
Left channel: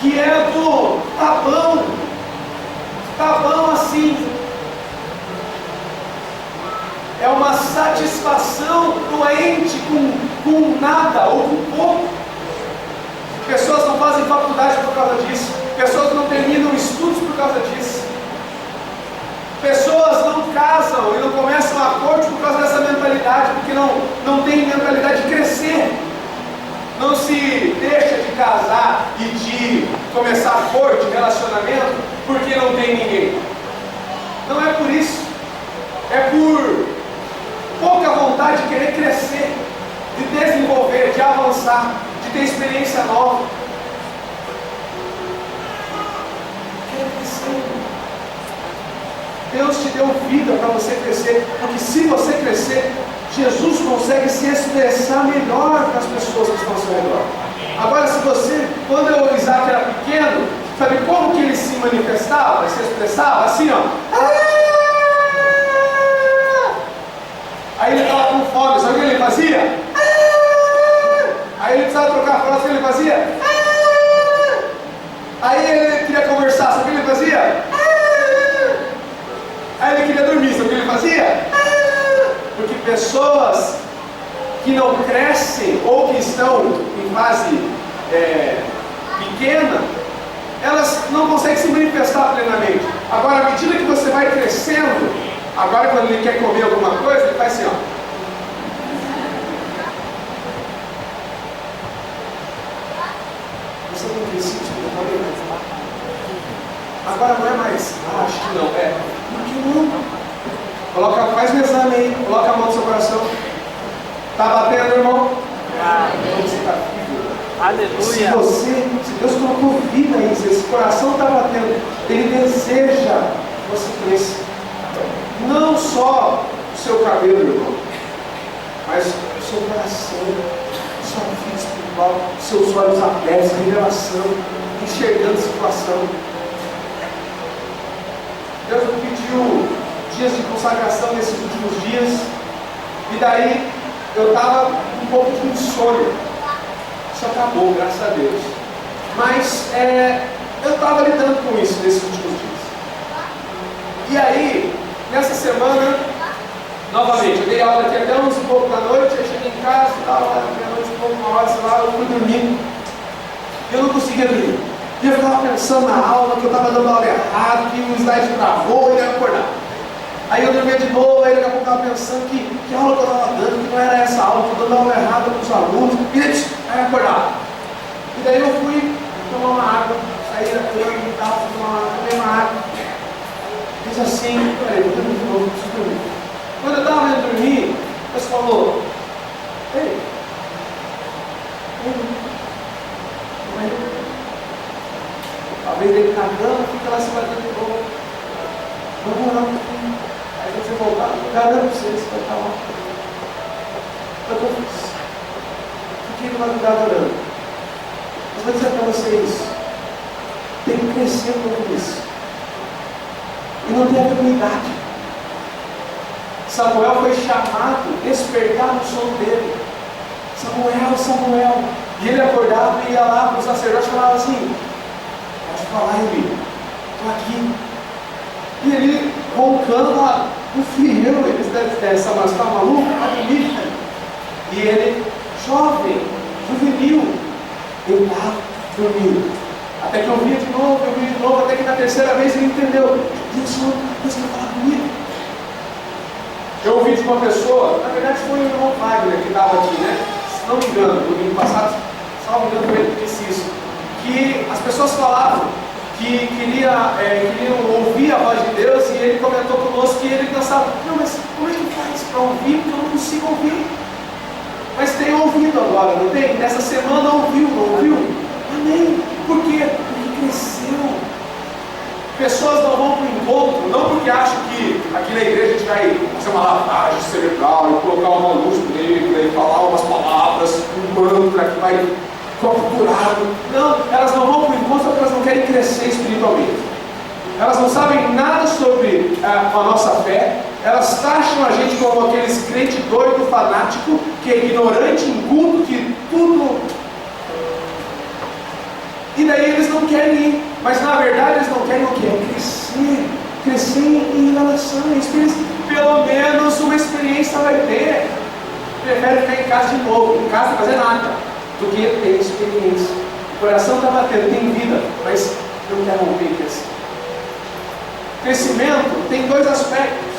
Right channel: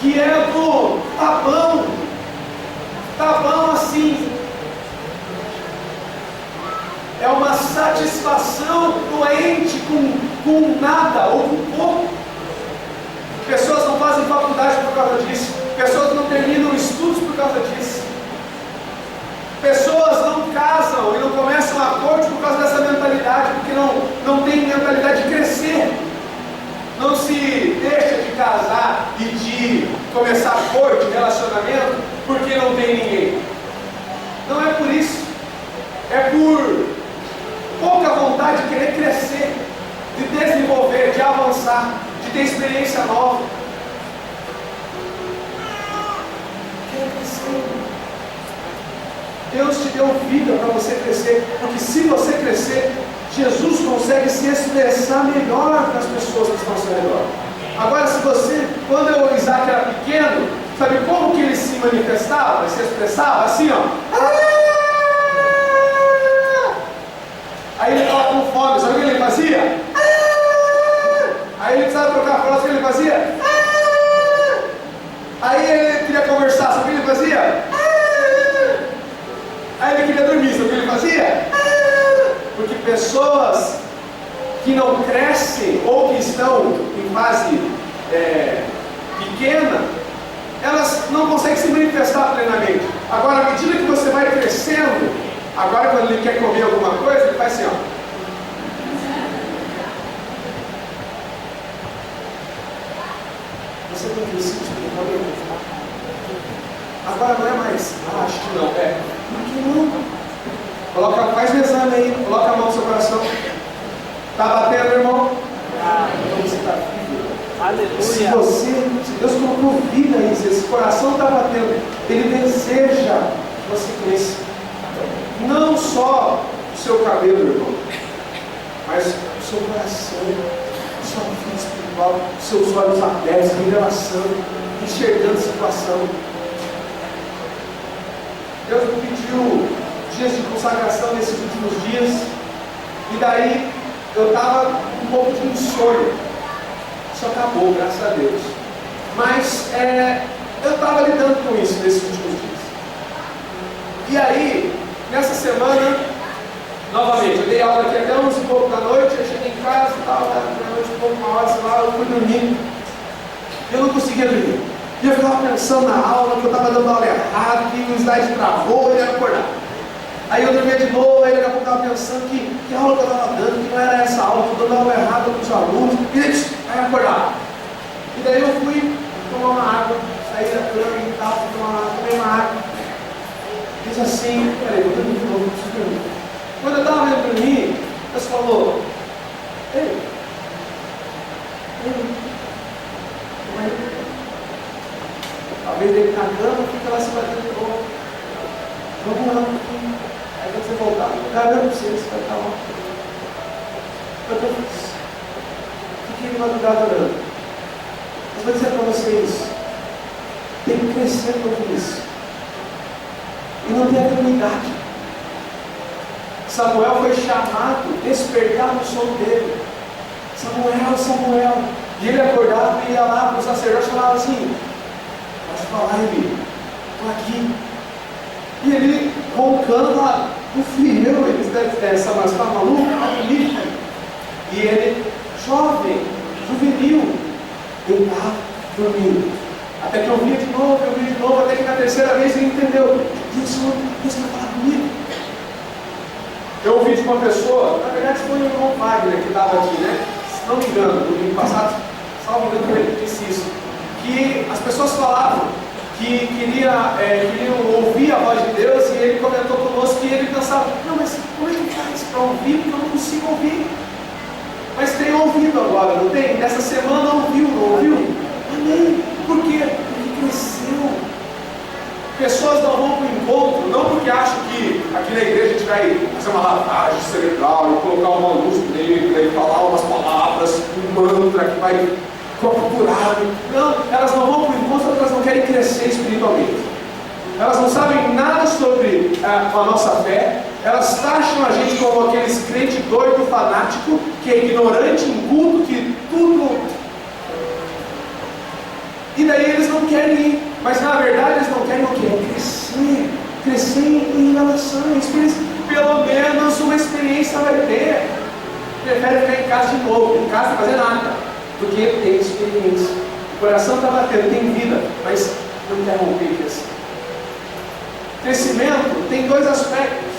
que é do tá bom assim. É uma satisfação doente com nada ou com pouco. Pessoas não fazem faculdade por causa disso. Pessoas não terminam estudos por causa disso. Pessoas não casam e não começam a corte por causa dessa mentalidade, porque não tem mentalidade de crescer. Não se deixa de casar e de começar corte, relacionamento, porque não tem ninguém. Não é por isso. É por pouca vontade de querer crescer, de desenvolver, de avançar, de ter experiência nova. Quer crescer. Deus te deu vida para você crescer, porque se você crescer, Jesus consegue se expressar melhor para as pessoas que estão ao seu redor. Agora, se você, quando o Isaac era pequeno, sabe como que ele se manifestava, se expressava? Assim, ó. Aí ele estava com fome, sabe o que ele fazia? Aí ele precisava trocar a frase, o que ele fazia? Aí ele queria conversar, sabe o que ele fazia? Aí ele queria dormir, sabe o que ele fazia? Porque pessoas que não crescem ou que estão em fase pequena, elas não conseguem se manifestar plenamente. Agora, à medida que você vai crescendo, agora quando ele quer comer alguma coisa, ele faz assim, ó. Você tem crescido espiritualmente? Agora não é mais, acho que não, por que não? Faz um exame aí, coloca a mão no seu coração. Está batendo, irmão? Então você está vivo. Aleluia. Se Deus colocou vida aí, se esse coração está batendo, Ele deseja que você cresça. Não só o seu cabelo, irmão, mas o seu coração, a sua vida espiritual, seus olhos abertos, revelação, enxergando a situação. Deus me pediu dias de consagração nesses últimos dias, e daí eu estava um pouco de insônia. Isso acabou, graças a Deus. Mas eu estava lidando com isso nesses últimos dias. E aí, nessa semana, novamente, eu dei aula aqui até 11 e pouco da noite, eu cheguei em casa e tal, meia-noite e pouco, uma hora, sei lá, eu fui dormir. E eu não conseguia dormir. E eu ficava pensando na aula, que eu estava dando aula errada, que o slide travou e eu ia acordar. Aí eu dormia de novo, aí daqui a pouco eu estava pensando que aula que eu estava dando, que não era essa aula, que eu dando aula errada para os alunos, e aí acordava. E daí eu fui tomar uma água, saí da cama e tal, fui tomar uma água, tomei uma água. Fiz assim, peraí, vou dormir de novo, preciso dormir. Quando eu estava indo dormir, Deus falou, ei, talvez ele na cama, fica lá se batendo de novo. Vamos orar um pouquinho. Aí quando você voltar, garanto pra você vai estar lá. Foi o que eu fiz. Fiquei de madrugada orando. Mas vou dizer para vocês, tem que crescer no isso. E não tem a mesma idade. Samuel foi chamado, despertar no sono dele. Samuel, Samuel. E ele acordava e ia lá para o sacerdote e falava assim, pode falar, Eli, estou aqui. E ele roncando lá, não fui eu, eles devem Samuel, você está maluco? E ele, jovem, juvenil, deitado, dormindo. Até que eu via de novo, até que na terceira vez ele entendeu. Deus quer falar comigo. Eu ouvi de uma pessoa, na verdade foi o irmão Wagner que estava aqui, né? Se não me engano, no domingo passado, salvo engano, foi ele que disse isso. Que as pessoas falavam que queriam ouvir a voz de Deus, e ele comentou conosco que ele pensava, não, mas como é que faz para ouvir? Porque eu não consigo ouvir. Mas tem ouvido agora, não tem? Nessa semana ouviu, não ouviu? Amém. Por quê? Porque cresceu. Pessoas não vão para o encontro, não porque acham que aqui na igreja a gente vai fazer uma lavagem cerebral e colocar uma luz negra e falar umas palavras, um mantra que vai capturar. Não, elas não vão para o encontro porque elas não querem crescer espiritualmente. Elas não sabem nada sobre a nossa fé. Elas taxam a gente como aqueles crente doido, fanático, que é ignorante, inculto, que tudo... E daí eles não querem ir, mas na verdade eles não querem o quê? Crescer em relações, que eles pelo menos uma experiência vai ter. Prefere ficar em casa de novo, em casa não fazer nada, do que ter experiência. O coração está batendo, tem vida, mas não quer romper e crescer. Crescimento tem dois aspectos.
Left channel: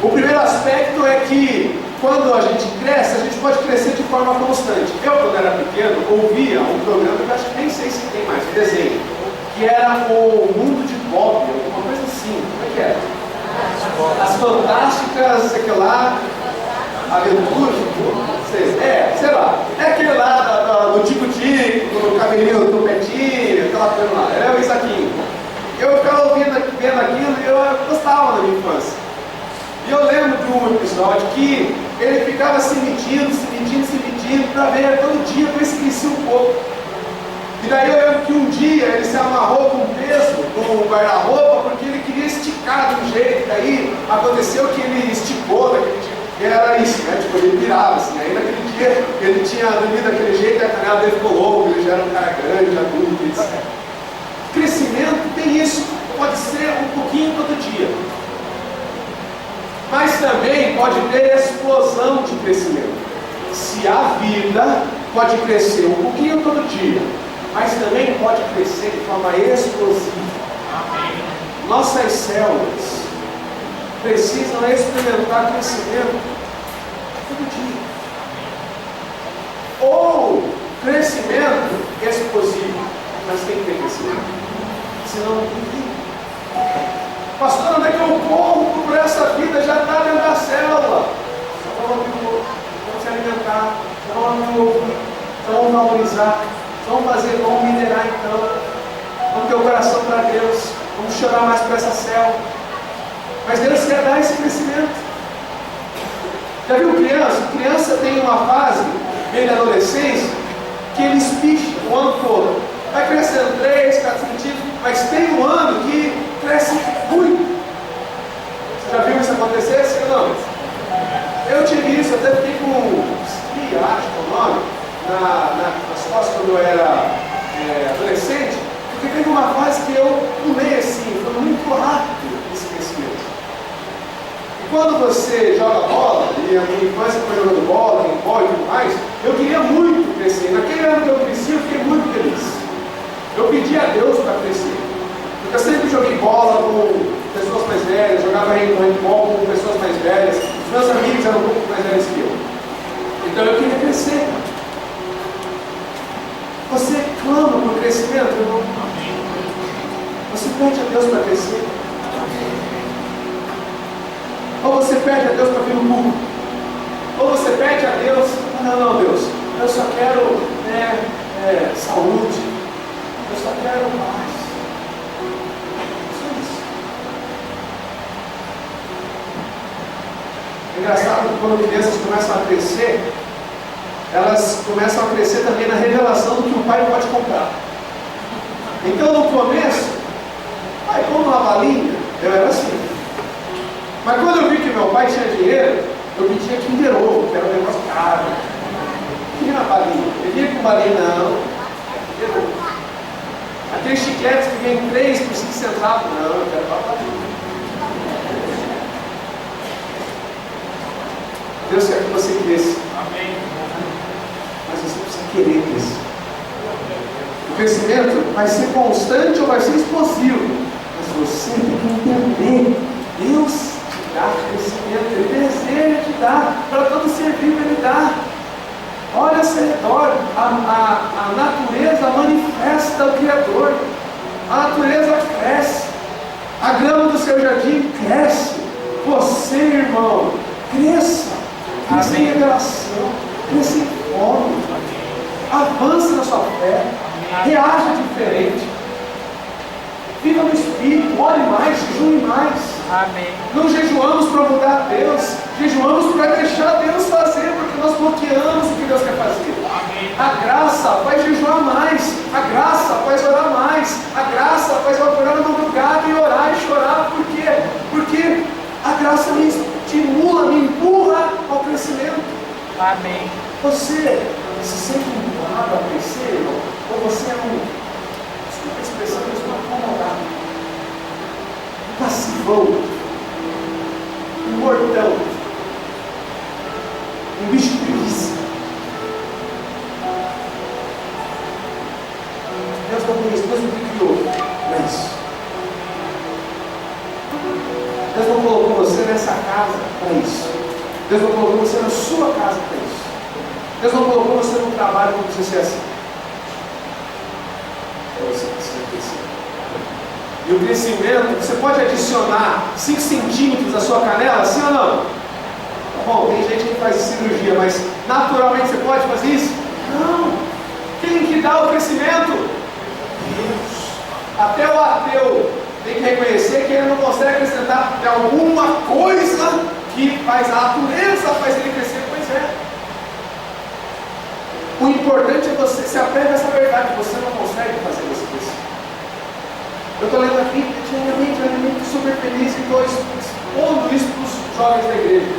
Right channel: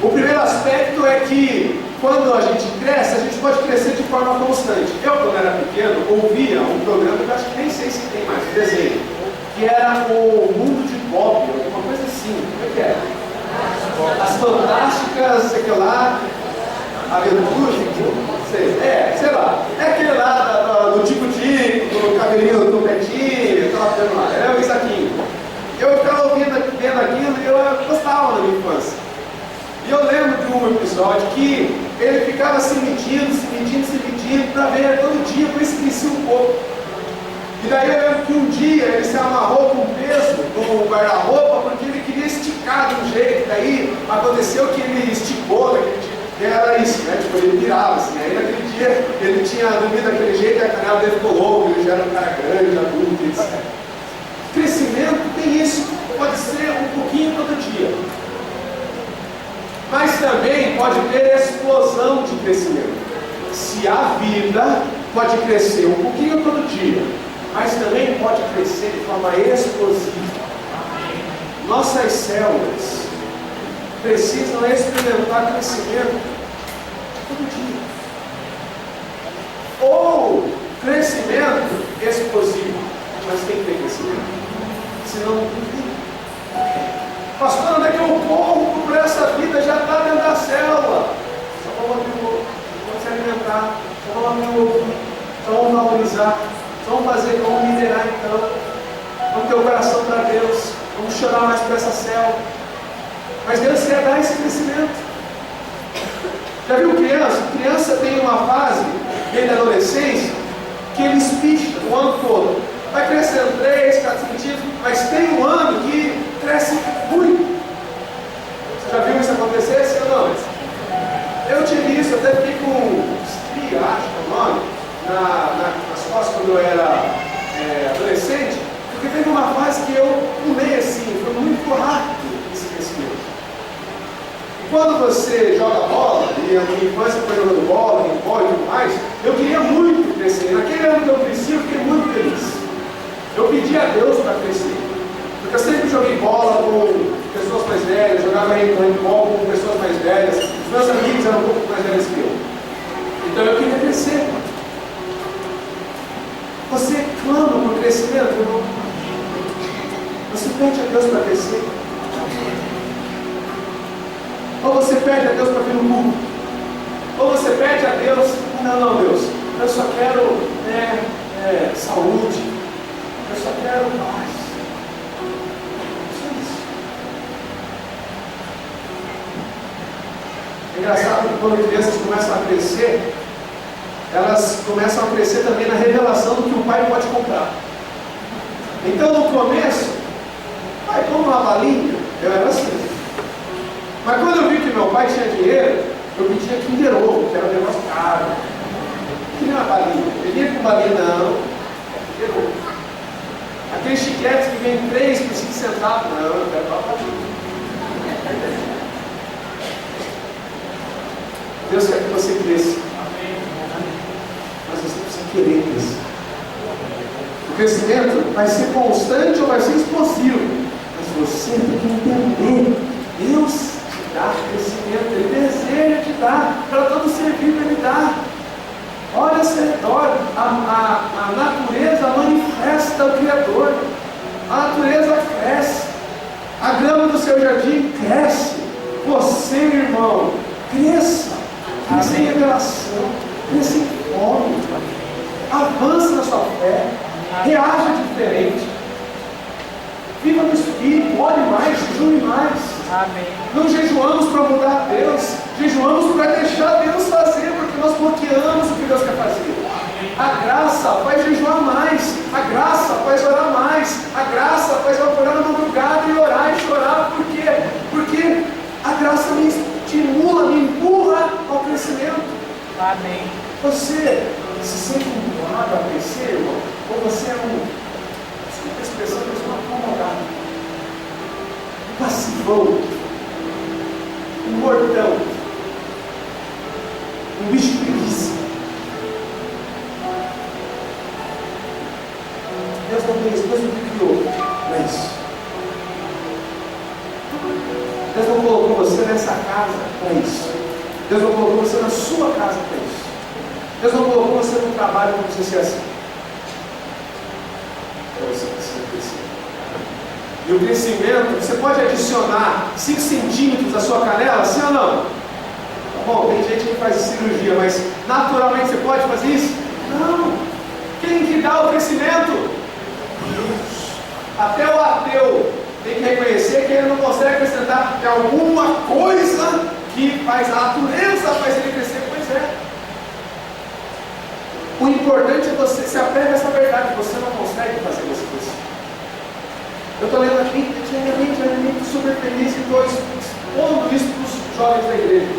O primeiro aspecto é que quando a gente cresce, a gente pode crescer de forma constante. Eu, quando era pequeno, ouvia um programa que eu acho que nem sei se tem mais, um desenho, que era o Mundo de Bob, alguma coisa assim. Como é que era? As Fantásticas, sei lá, Aventuras, sei lá. É aquele lá do tico-tico, do cabelinho, do petinho, aquela coisa lá. Era o Isaquinho. Eu ficava vendo aquilo e eu gostava da minha infância. E eu lembro de um episódio que ele ficava se medindo para ver todo dia, para se crescer um pouco. E daí eu lembro que um dia ele se amarrou com um peso no guarda-roupa porque ele queria esticar de um jeito. Daí aconteceu que ele esticou daquele tipo, que era isso, né? Tipo, ele virava assim. Aí naquele dia ele tinha dormido daquele jeito e a canela dele ficou louca, ele já era um cara grande, adulto, etc. Crescimento tem isso, pode ser um pouquinho todo dia. Mas também pode ter explosão de crescimento. Se a vida pode crescer um pouquinho todo dia, mas também pode crescer de forma explosiva. Nossas células precisam experimentar crescimento todo dia. Ou crescimento explosivo, mas tem que ter crescimento. Senão não tem. Pastor, onde é que eu corro por essa vida? Já está dentro da célula. Só vamos abrir o outro, vamos se alimentar, só vamos abrir o ouvir, só vamos valorizar, só vamos fazer, vamos minerar então. Vamos ter o coração para Deus, vamos chorar mais por essa célula. Mas Deus quer dar esse crescimento. Já viu criança? Criança tem uma fase, bem da adolescência, que ele espicha o ano todo. Vai crescendo 3, 4 centímetros, mas tem um ano que cresce muito. Você já viu isso acontecer? Sim ou não? Eu tive isso, até fiquei com estria, acho que é o nome, nas costas quando eu era adolescente, porque teve uma fase que eu pulei assim, foi muito rápido esse crescimento. E quando você joga bola, e a minha infância foi jogando bola, handball e tudo mais, eu queria muito crescer. Naquele ano que eu cresci, eu fiquei muito feliz. Eu pedi a Deus para crescer. Porque eu sempre joguei bola com pessoas mais velhas, jogava handball com pessoas mais velhas, os meus amigos eram um pouco mais velhos que eu. Então eu queria crescer. Você clama por crescimento, irmão? Você pede a Deus para crescer? Ou você pede a Deus para vir no culto? Ou você pede a Deus, não, Deus, eu só quero saúde, eu só quero paz. Só isso. É engraçado que quando crianças começam a crescer, elas começam a crescer também na revelação do que o pai pode comprar. Então no começo, pai, como uma balinha, eu era assim. Mas quando eu vi que meu pai tinha dinheiro, eu pedia Kinder Ovo, que era um negócio caro. Queria uma balinha. Eu pedia com balinha, não. Kinder Ovo. Aqueles chicletes que vem 3 por 5 centavos, não, eu quero uma balinha. Deus quer que você cresça. Mas você precisa querer crescer. O crescimento vai ser constante ou vai ser explosivo. Mas você tem que entender. Deus te dá crescimento. Ele deseja te dar. Para todo ser vivo Ele dá. Olha ao seu redor. A natureza manifesta o Criador. A natureza cresce. A grama do seu jardim cresce. Você, irmão, cresça. Cresça em revelação. Cresça em fome. Avance na sua fé. Reaja diferente. Viva no Espírito. Ore mais. Jejue mais. Amém. Não jejuamos para mudar Deus. Jejuamos para deixar Deus fazer. Porque nós bloqueamos o que Deus quer fazer. A graça faz jejuar mais. A graça faz orar mais. A graça faz acordar na madrugada e orar e chorar. Por quê? Porque a graça me estimula, me empurra ao crescimento. Amém. Você se sente empurrado a crescer, irmão? Ou você é desculpa a expressão, mas um acomodado, um passivão, um mortão, um bicho preguiça? Deus não tem isso, Deus não te criou para isso. Deus não colocou você nessa casa para isso. Deus não colocou você na sua casa para isso. Deus não colocou você no trabalho para você ser assim. Você precisa crescer. E o crescimento, você pode adicionar 5 centímetros à sua canela, sim ou não? Tá bom, tem gente que faz cirurgia, mas naturalmente você pode fazer isso? Não. Quem que dá o crescimento? Deus. Até o ateu tem que reconhecer que ele não consegue acrescentar de alguma coisa que faz a natureza, faz ele crescer. Pois é. O importante é você se apegar a essa verdade. Você não consegue fazer você crescer. Eu estou lendo aqui, diariamente, super feliz e estou expondo isso para os jovens da igreja.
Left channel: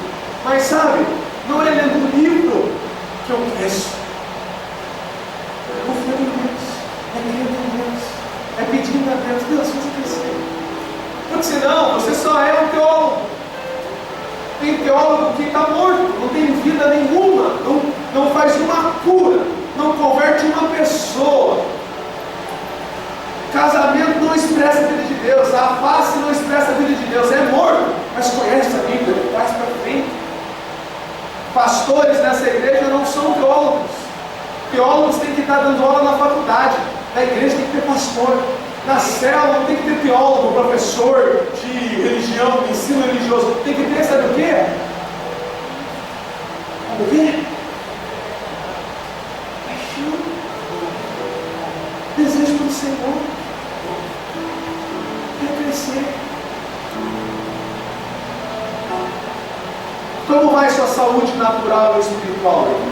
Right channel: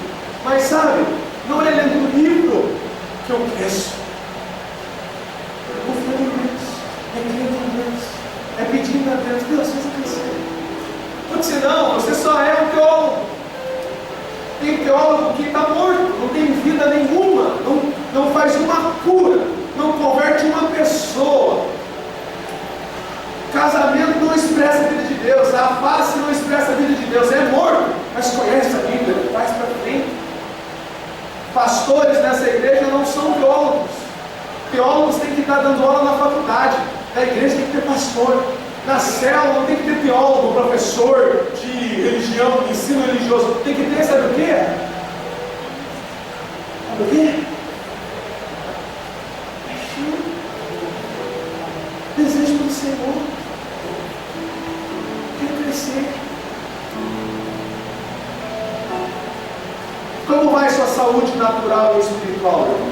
Mas sabe, não é lendo um livro que eu cresço. É confiando em Deus, é crendo em Deus, é pedindo a Deus, Deus, faz eu crescer. Porque senão, você só é um teólogo. Tem teólogo que está morto, não tem vida nenhuma, não faz uma cura, não converte uma pessoa. Casamento não expressa a vida de Deus, a face não expressa a vida de Deus, é morto, mas conhece a Bíblia, traz para frente. Pastores nessa igreja não são teólogos. Teólogos têm que estar dando aula na faculdade, na igreja tem que ter pastor. Na célula não tem que ter teólogo, professor de religião, de ensino religioso. Tem que ter, sabe o quê? Sabe o quê? Paixão. Desejo pelo Senhor. Quero crescer. Como vai sua saúde natural e espiritual, irmão?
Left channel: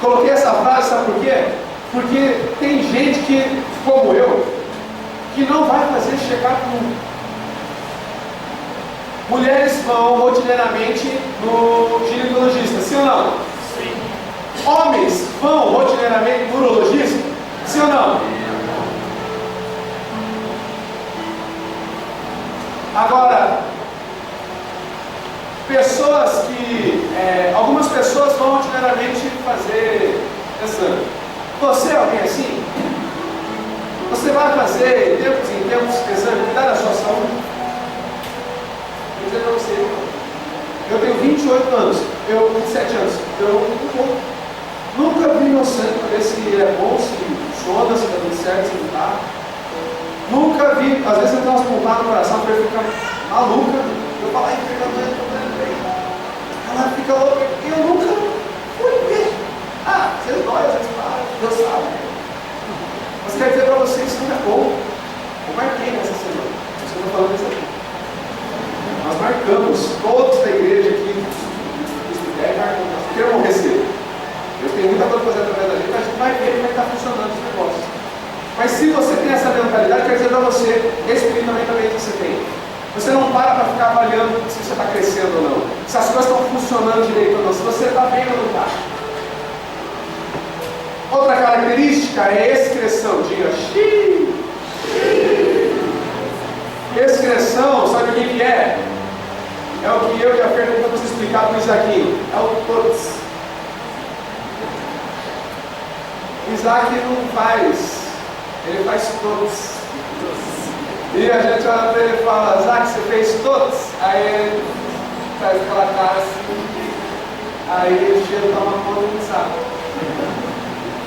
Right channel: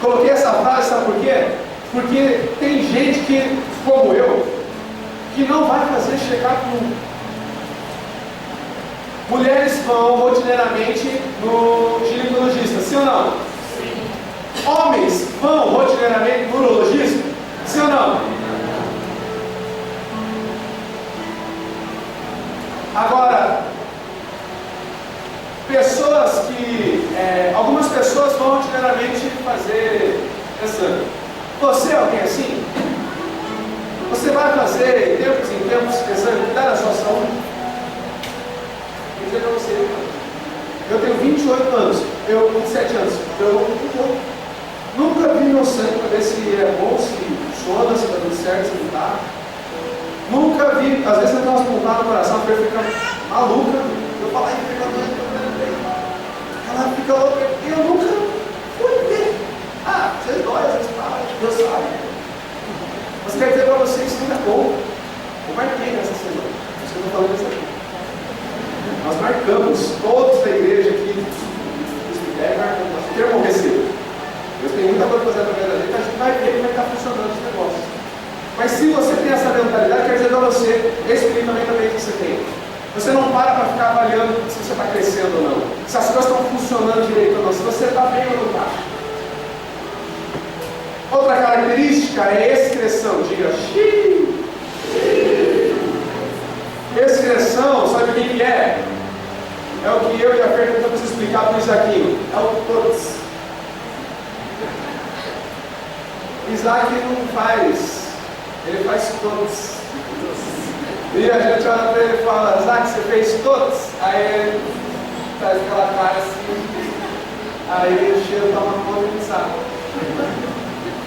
Coloquei essa frase, sabe por quê? Porque tem gente que, como eu, que não vai fazer check-up nunca. Mulheres vão rotineiramente no ginecologista, sim ou não? Sim. Homens vão rotineiramente no urologista, sim ou não? Agora, pessoas que, algumas pessoas vão rotineiramente fazer exame. Você é alguém assim? Você vai fazer, tempos em tempos, exame, cuidar da sua saúde? dizer para você, eu tenho 28 anos, 27 anos, eu nunca vi meu sangue para ver se é bom, se funciona, se está tudo certo, se não está. Nunca vi, às vezes eu tenho umas pontadas no coração, a pessoa fica maluca, eu falo, ai, fica doendo, ela fica louca, e eu nunca fui ver. Às vezes dói, às vezes para, Deus sabe. Mas quero dizer para vocês que não é bom. Eu marquei nessa semana, por isso que eu estou falando isso aqui. Nós marcamos, todos da igreja aqui, nós queremos morrer cedo. Deus tem muita coisa para fazer através da gente, a gente vai ver como é que está funcionando esse negócio. Mas se você tem essa mentalidade, quer dizer para você, espiritualmente você tem. Você não para ficar avaliando se você está crescendo ou não, se as coisas estão funcionando direito ou não, se você está bem ou não está. Outra característica é excreção. Diga xiii. Excreção, sabe o que é? É o que eu e a Fer tentamos explicar para o Isaquinho. É o todos. Isaac não faz, ele faz todos. E a gente olha para ele e fala, Isaac, você fez todos? Aí ele faz aquela cara assim, aí o cheiro toma conta e não sabe.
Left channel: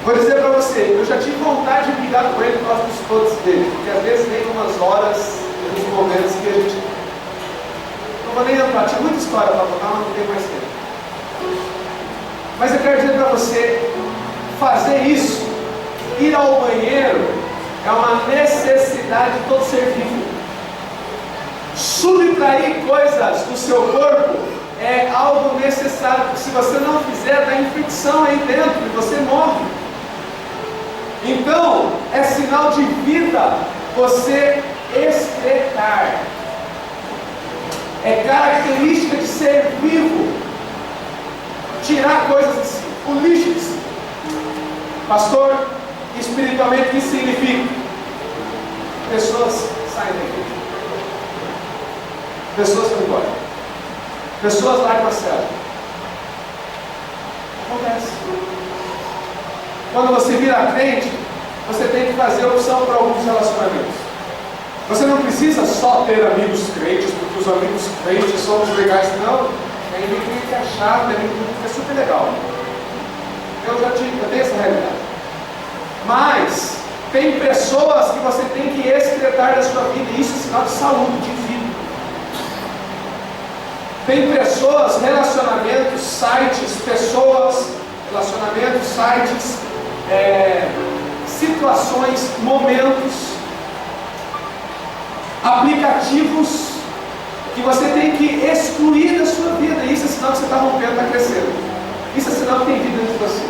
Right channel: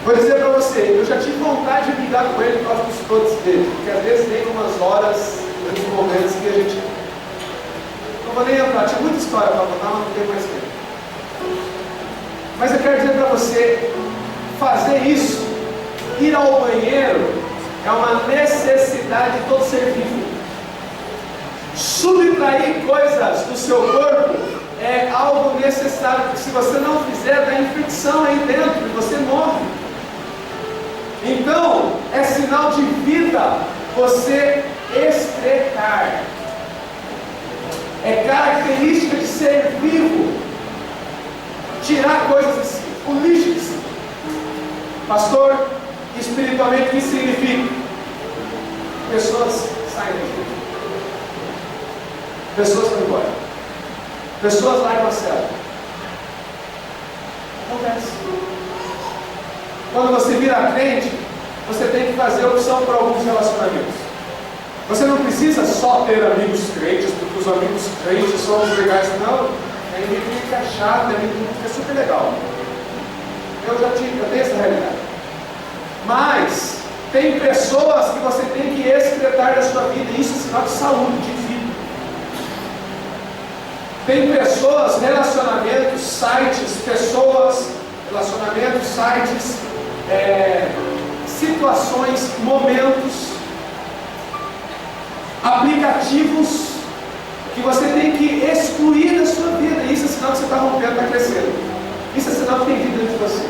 Vou dizer para você, eu já tive vontade de brigar com ele por causa dos todos dele, porque às vezes tem umas horas, uns momentos que a gente, não vou nem entrar, tinha muita história para contar, mas não tem mais tempo. Mas eu quero dizer para você, fazer isso, ir ao banheiro, é uma necessidade de todo ser vivo. Subtrair coisas do seu corpo é algo necessário, porque se você não fizer, dá infecção aí dentro e você morre. Então, é sinal de vida você excretar. É característica de ser vivo. Tirar coisas de si, o lixo de si. Pastor, espiritualmente, o que significa? Pessoas saem da igreja. Pessoas vão embora. Pessoas largam a cela. Acontece. Quando você vira crente, você tem que fazer opção para alguns relacionamentos. Você não precisa só ter amigos crentes, porque os amigos crentes são os legais. Não, tem amigo que é chato, tem amigo que é super legal. Eu tenho essa realidade. Mas tem pessoas que você tem que excretar da sua vida, e isso é sinal de saúde, de vida. Tem pessoas, relacionamentos, sites, situações, momentos, aplicativos que você tem que excluir da sua vida. Isso é sinal que você está rompendo, está crescendo. Isso é sinal que tem vida dentro de você.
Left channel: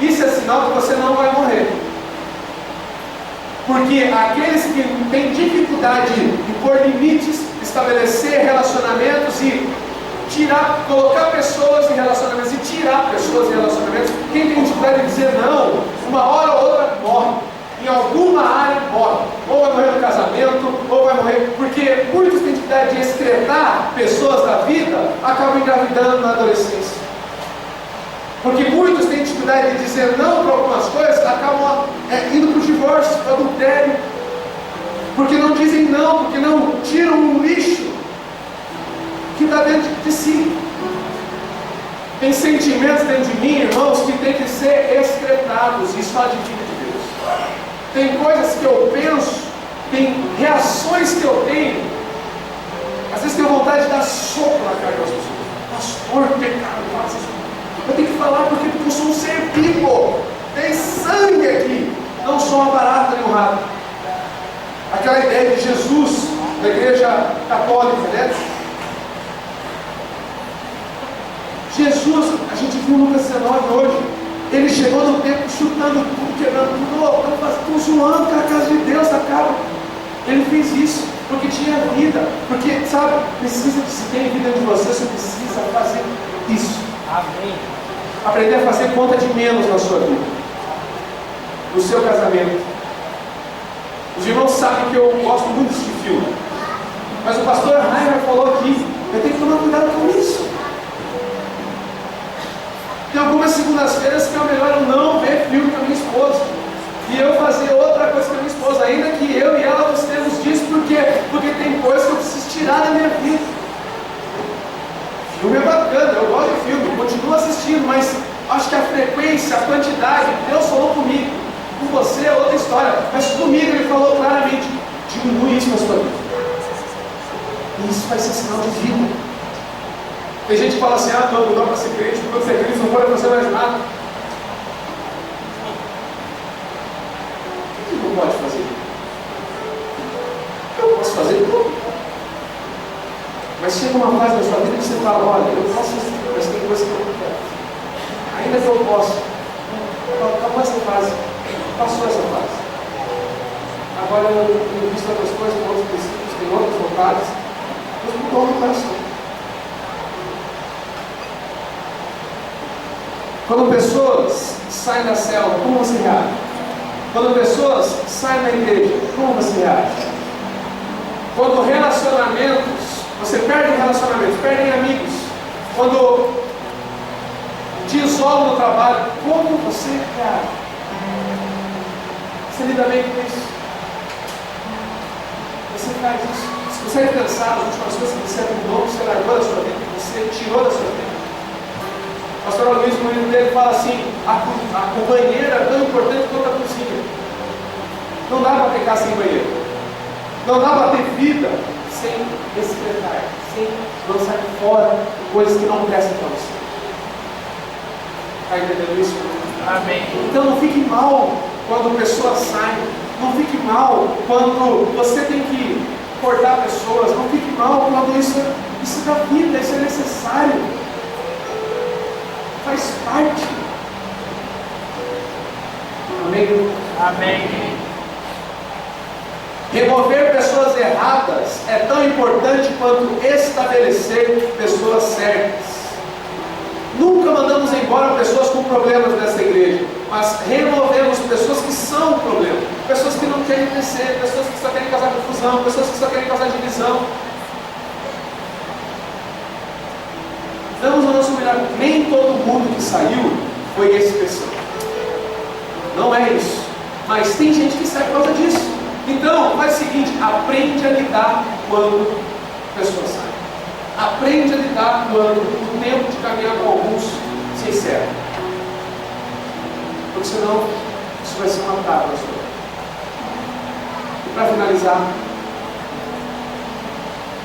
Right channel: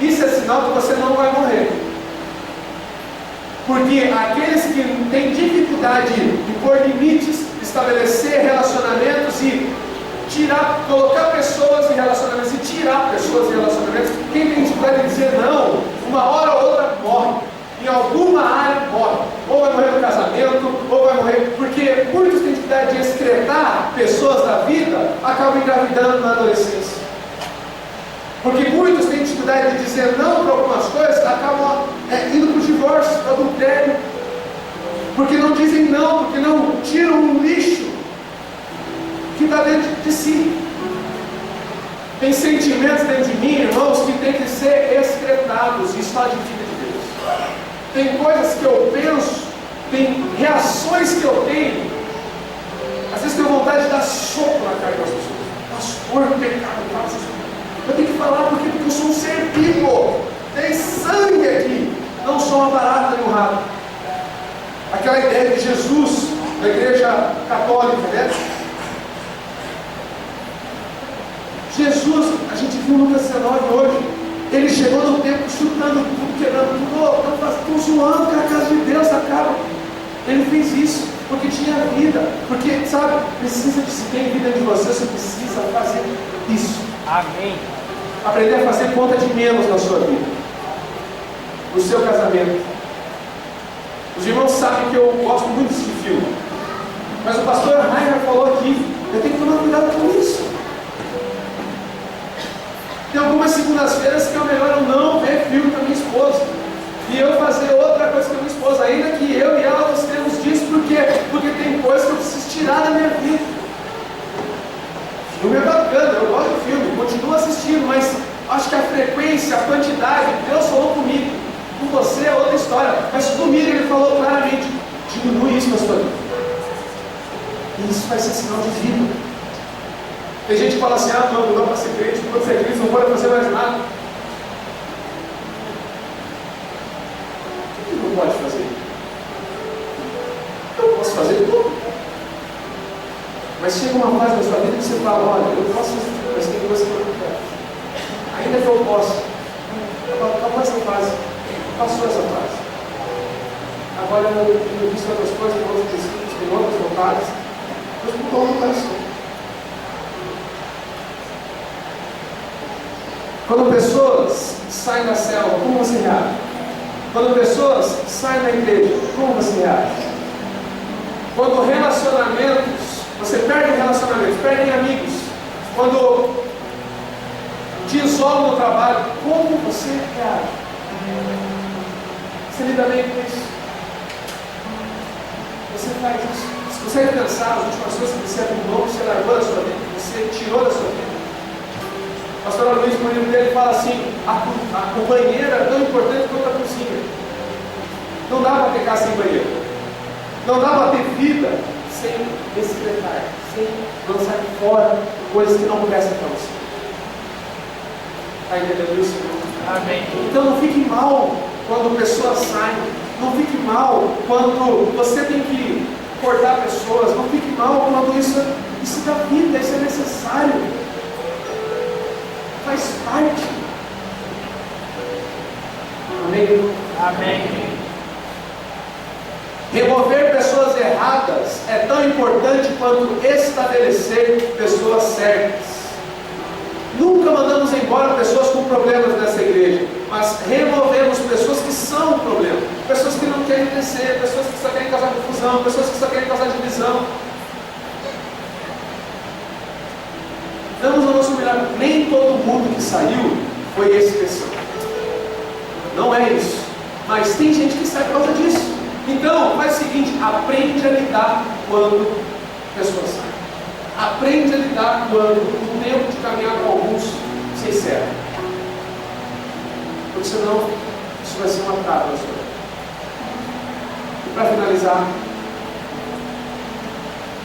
Isso é sinal que você não vai morrer. Porque aqueles que têm dificuldade em pôr limites, estabelecer relacionamentos e colocar pessoas em relacionamentos e tirar pessoas em relacionamentos, quem tem dificuldade em dizer não, uma hora ou outra morre. Em alguma área morre. Ou vai morrer no casamento, ou vai morrer. Porque muitos têm dificuldade de excretar pessoas da vida, acabam engravidando na adolescência. Porque muitos têm dificuldade de dizer não para algumas coisas, acabam indo para o divórcio, para o adultério. Porque não dizem não, porque não tiram um lixo que está dentro de si. Tem sentimentos dentro de mim, irmãos, que tem que ser excretados. Isso fala de vida de Deus. Tem coisas que eu penso, tem reações que eu tenho. Às vezes tenho vontade de dar soco na cara das pessoas. Pastor, pecado, faça isso. Eu tenho que falar porque eu sou um ser vivo. Tem sangue aqui. Não sou uma barata nem um rato. Aquela ideia de Jesus, da igreja católica, né? Jesus, a gente viu Lucas 19 hoje, ele chegou no templo chutando tudo, quebrando tudo, estão zoando com a casa de Deus, acaba. Ele fez isso porque tinha vida, porque, sabe, se tem vida de você, você precisa fazer isso. Amém. Aprender a fazer conta de menos na sua vida, no seu casamento. Os irmãos sabem que eu gosto muito desse filme, mas o pastor Rainer falou aqui, eu tenho que tomar cuidado com isso. Tem algumas segundas-feiras que é melhor eu não ver filme com a minha esposa e eu fazer outra coisa com a minha esposa, ainda que eu e ela gostemos disso, porque tem coisas que eu preciso tirar da minha vida. Filme é bacana, eu gosto de filme, continuo assistindo, mas acho que a frequência, a quantidade, Deus falou comigo. Com você é outra história, mas comigo Ele falou claramente: diminui isso na sua vida. E isso vai ser sinal de vida. Tem gente que fala assim: ah, não dá para ser crente, quando você é crente não pode fazer mais nada. O que não pode fazer? Eu posso fazer tudo. Mas chega uma fase na sua vida que você fala: olha, eu posso fazer tudo, mas tem coisa que eu não quero. Ainda que eu possa. Acabou essa fase. Passou essa fase. Agora eu tenho visto outras coisas, outros princípios, tem outras vontades. Deus mudou no coração. Quando pessoas saem da célula, como você reage? Quando pessoas saem da igreja, como você reage? Quando relacionamentos, você perde relacionamentos, perde amigos. Quando te isolam no trabalho, como você reage? Você lida bem com isso? Você faz isso? Você consegue pensar nas últimas coisas que você arrumou, que você largou da sua vida, que você tirou da sua vida? O pastor Luiz, no livro dele, fala assim: o banheiro é tão importante quanto a cozinha. Não dá para ficar sem banheiro. Não dá para ter vida sem excretar, sem lançar fora coisas que não prestam para você. Está entendendo isso? Amém. Então não fique mal quando pessoas saem. Não fique mal quando você tem que cortar pessoas. Não fique mal quando isso dá vida, isso é necessário. Faz parte. Amém? Amém. Remover pessoas erradas é tão importante quanto estabelecer pessoas certas. Nunca mandamos embora pessoas com problemas nessa igreja, mas removemos pessoas que são um problema, pessoas que não querem crescer, pessoas que só querem causar confusão, pessoas que só querem causar divisão. Damos o nosso melhor. Nem todo mundo que saiu foi expressão. Não é isso. Mas tem gente que sai por causa disso. Então, faz o seguinte: aprende a lidar quando pessoas saem. Aprende a lidar quando o tempo de caminhar com alguns se encerra. Porque senão, isso vai ser uma trava na sua vida. E para finalizar,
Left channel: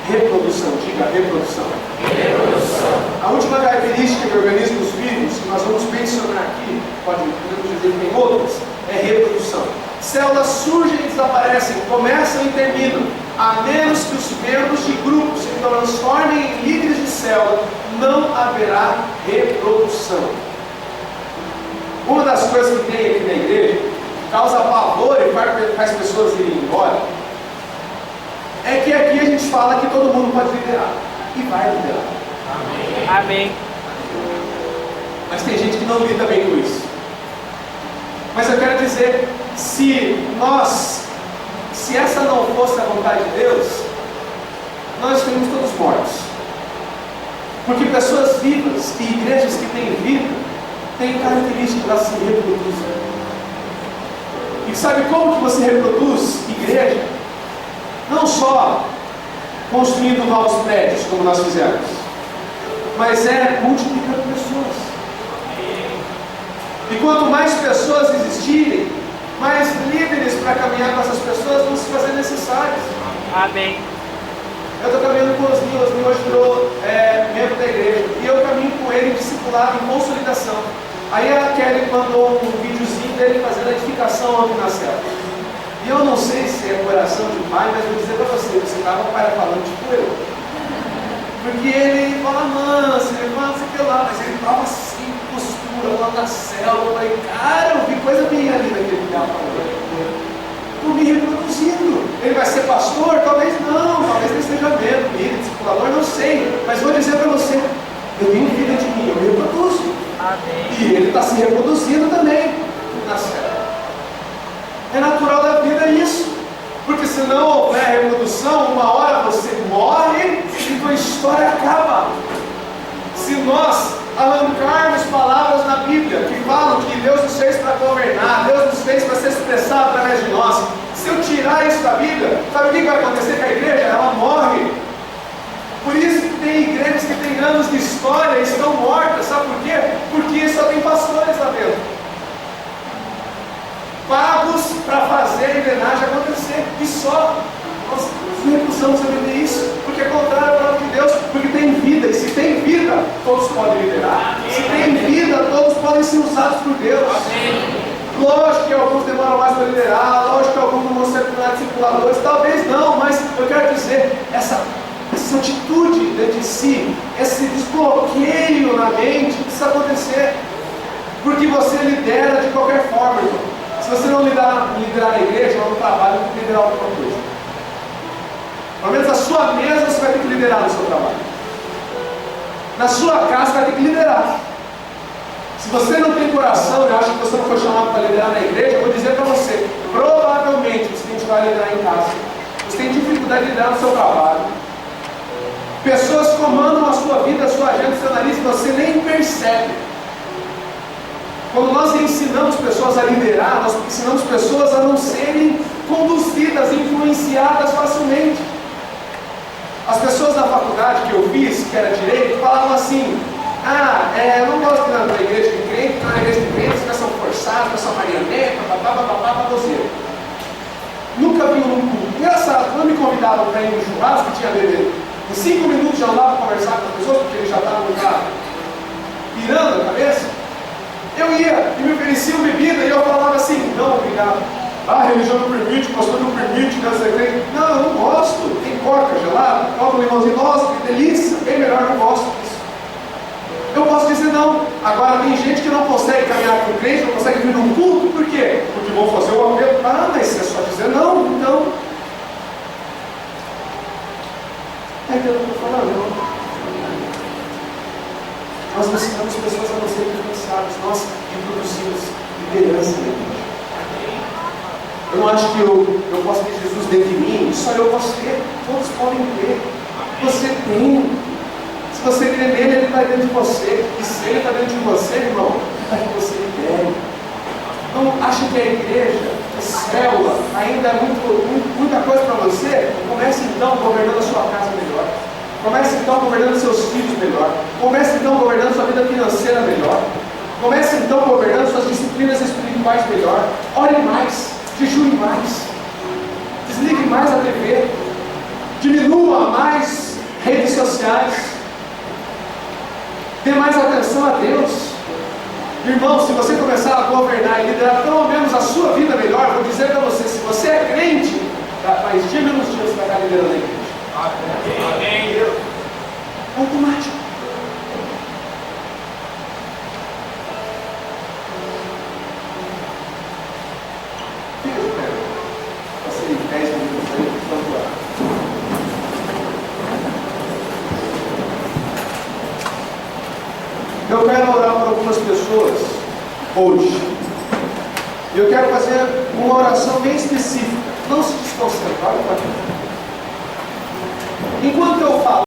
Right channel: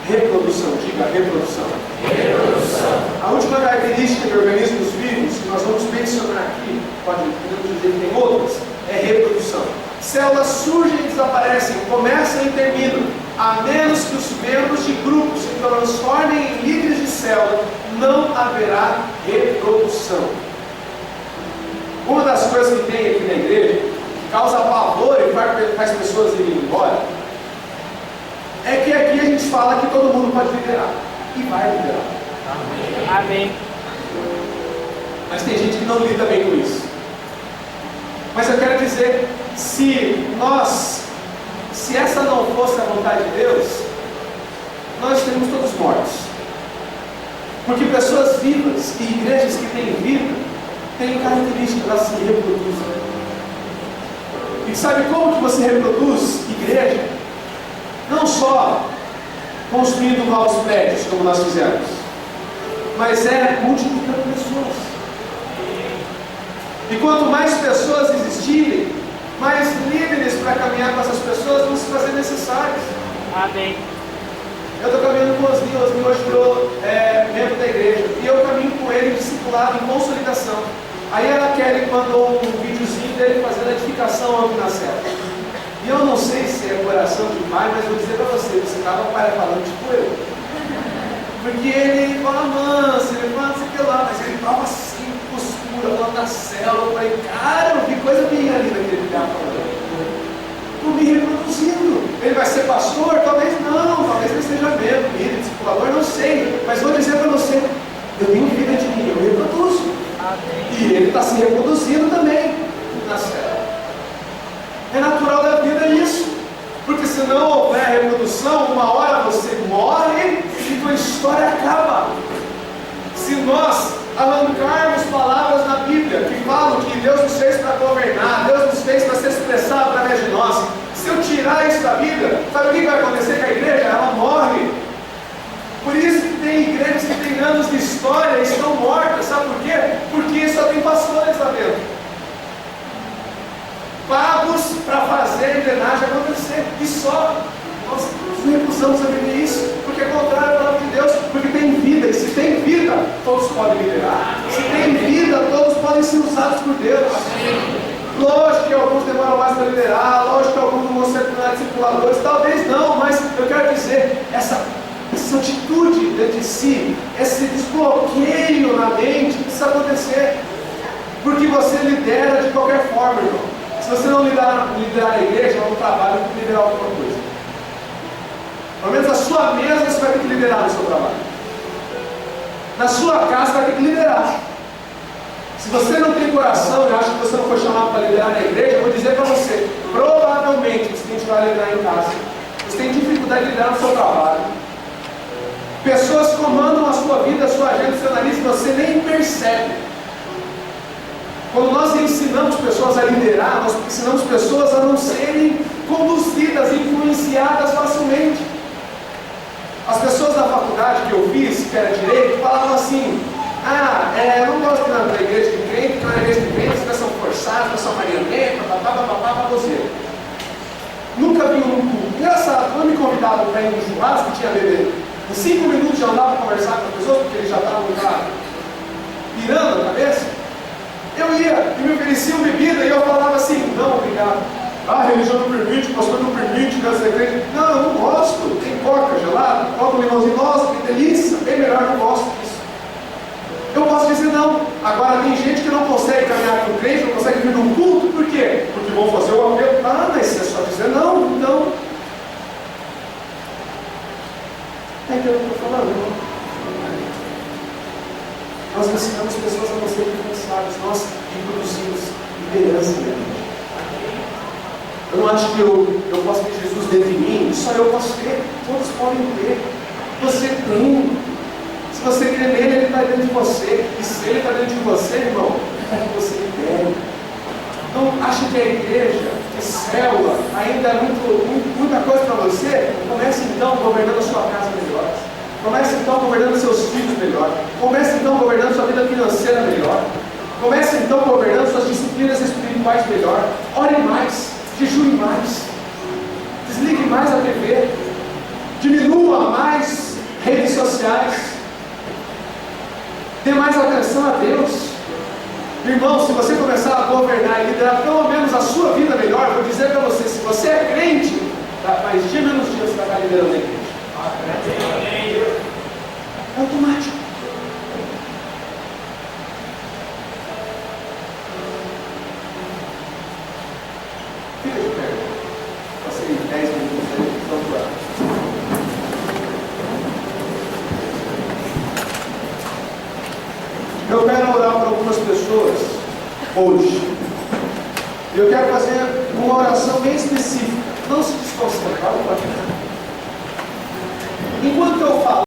reprodução. Diga reprodução. Reprodução. A última característica de organismos vivos, que nós vamos mencionar aqui, podemos dizer que tem outras, é reprodução. Células surgem e desaparecem, começam e terminam, a menos que os membros de grupos se transformem em líderes de célula, não haverá reprodução. Uma das coisas que tem aqui na igreja, que causa pavor e faz pessoas irem embora, é que aqui a gente fala que todo mundo pode liderar, e vai liderar. Amém. Mas tem gente que não lida bem com isso. Mas eu quero dizer, se essa não fosse a vontade de Deus, nós estaríamos todos mortos. Porque pessoas vivas e igrejas que têm vida, têm características, elas se reproduzem. E sabe como que você reproduz igreja? Não só construindo novos prédios, como nós fizemos, mas é multiplicando pessoas. E quanto mais pessoas existirem, mais líderes para caminhar com essas pessoas vão se fazer necessários. Amém. Eu estou caminhando com o Osni hoje virou membro da igreja, e eu caminho com ele em discipulado, em consolidação. Aí a Kelly mandou um videozinho dele fazendo a edificação aqui na célula. E eu não sei se é coração de pai, mas vou dizer para você estava falando tipo eu. Porque ele fala manso, ele fala não sei o que lá, mas ele fala assim, postura lá na célula. Eu falei, cara, eu vi coisa minha ali naquele lugar falando. Estou me reproduzindo. Ele vai ser pastor? Talvez não, talvez ele esteja membro, líder, discipulador, não sei. Mas vou dizer para você, eu tenho vida de mim, eu me reproduzo. Amém. E ele está se reproduzindo também na célula. É natural da vida isso. Porque se não houver reprodução, uma hora você morre e tua história acaba. Se nós arrancarmos palavras na Bíblia que falam que Deus nos fez para governar, Deus nos fez para ser expressado através de nós, se eu tirar isso da Bíblia, sabe o que vai acontecer com a igreja? Ela morre. Por isso que tem igrejas que têm anos de história estão mortas, sabe por quê? Porque só tem pastores lá dentro, pagos para fazer a engrenagem acontecer, e só. Nós recusamos a viver isso, porque é contrário à palavra de Deus, porque tem vida, e se tem vida, todos podem liderar, se tem vida, todos podem ser usados por Deus. Lógico que alguns demoram mais para liderar, lógico que alguns não vão ser tornados discipuladores, talvez não, mas eu quero dizer, essa atitude dentro de si, esse desbloqueio na mente precisa acontecer, porque você lidera de qualquer forma, irmão. Se você não liderar na igreja, ou no trabalho, tem que liderar alguma coisa. Pelo menos a sua mesa você vai ter que liderar no seu trabalho. Na sua casa você vai ter que liderar. Se você não tem coração, eu acho que você não foi chamado para liderar na igreja, eu vou dizer para você, provavelmente você tem que liderar em casa. Você tem dificuldade de liderar no seu trabalho. Pessoas comandam a sua vida, a sua agenda, o seu nariz, você nem percebe. Quando nós ensinamos pessoas a liderar, nós ensinamos pessoas a não serem conduzidas, influenciadas facilmente. As pessoas da faculdade que eu fiz, que era direito, falavam assim: eu não gosto de ir na igreja de crente, porque na igreja de crente as pessoas são forçadas, as pessoas marioneta, badoseiro. Nunca vi um culto. Engraçado, quando me convidavam para ir no churrasco, tinha bebê. Em 5 minutos já andava para conversar com as pessoas, porque eles já estavam pirando a cabeça. Eu ia e me ofereciam bebida e eu falava assim: não, obrigado. A religião não permite, o pastor não permite, quero ser crente. Não, eu não gosto. Tem coca gelada, coca um limãozinho, nossa, que delícia, bem melhor, eu não gosto disso. Eu posso dizer não. Agora tem gente que não consegue caminhar com o crente, não consegue vir num culto, por quê? Porque vão fazer o apelo. Mas é só dizer não, então. É que eu não estou falando, irmão. Nós ensinamos pessoas a não serem influenciadas, nós introduzimos liderança na igreja. Eu não acho que eu posso ter Jesus dentro de mim, só eu posso ter, todos podem ter. Você tem. Se você crê nele, ele está dentro de você. E se ele está dentro de você, irmão, é para que você lidere. Não acha que a igreja, a célula, ainda é muita coisa para você? Comece então governando a sua casa melhor. Comece então governando seus filhos melhor. Comece então governando sua vida financeira melhor. Comece então governando suas disciplinas espirituais melhor. Ore mais, jejue mais, desligue mais a TV, diminua mais redes sociais, dê mais atenção a Deus. Irmão, se você começar a governar e liderar pelo menos a sua vida melhor, eu vou dizer para você, se você é crente, mais dia menos dia você vai estar liderando a igreja. É automático. Fica de pé. Passei 10 minutos aí, vamos lá. Eu quero orar por algumas pessoas hoje. Eu quero fazer uma oração bem específica. Não se desconcentre. Enquanto eu falo,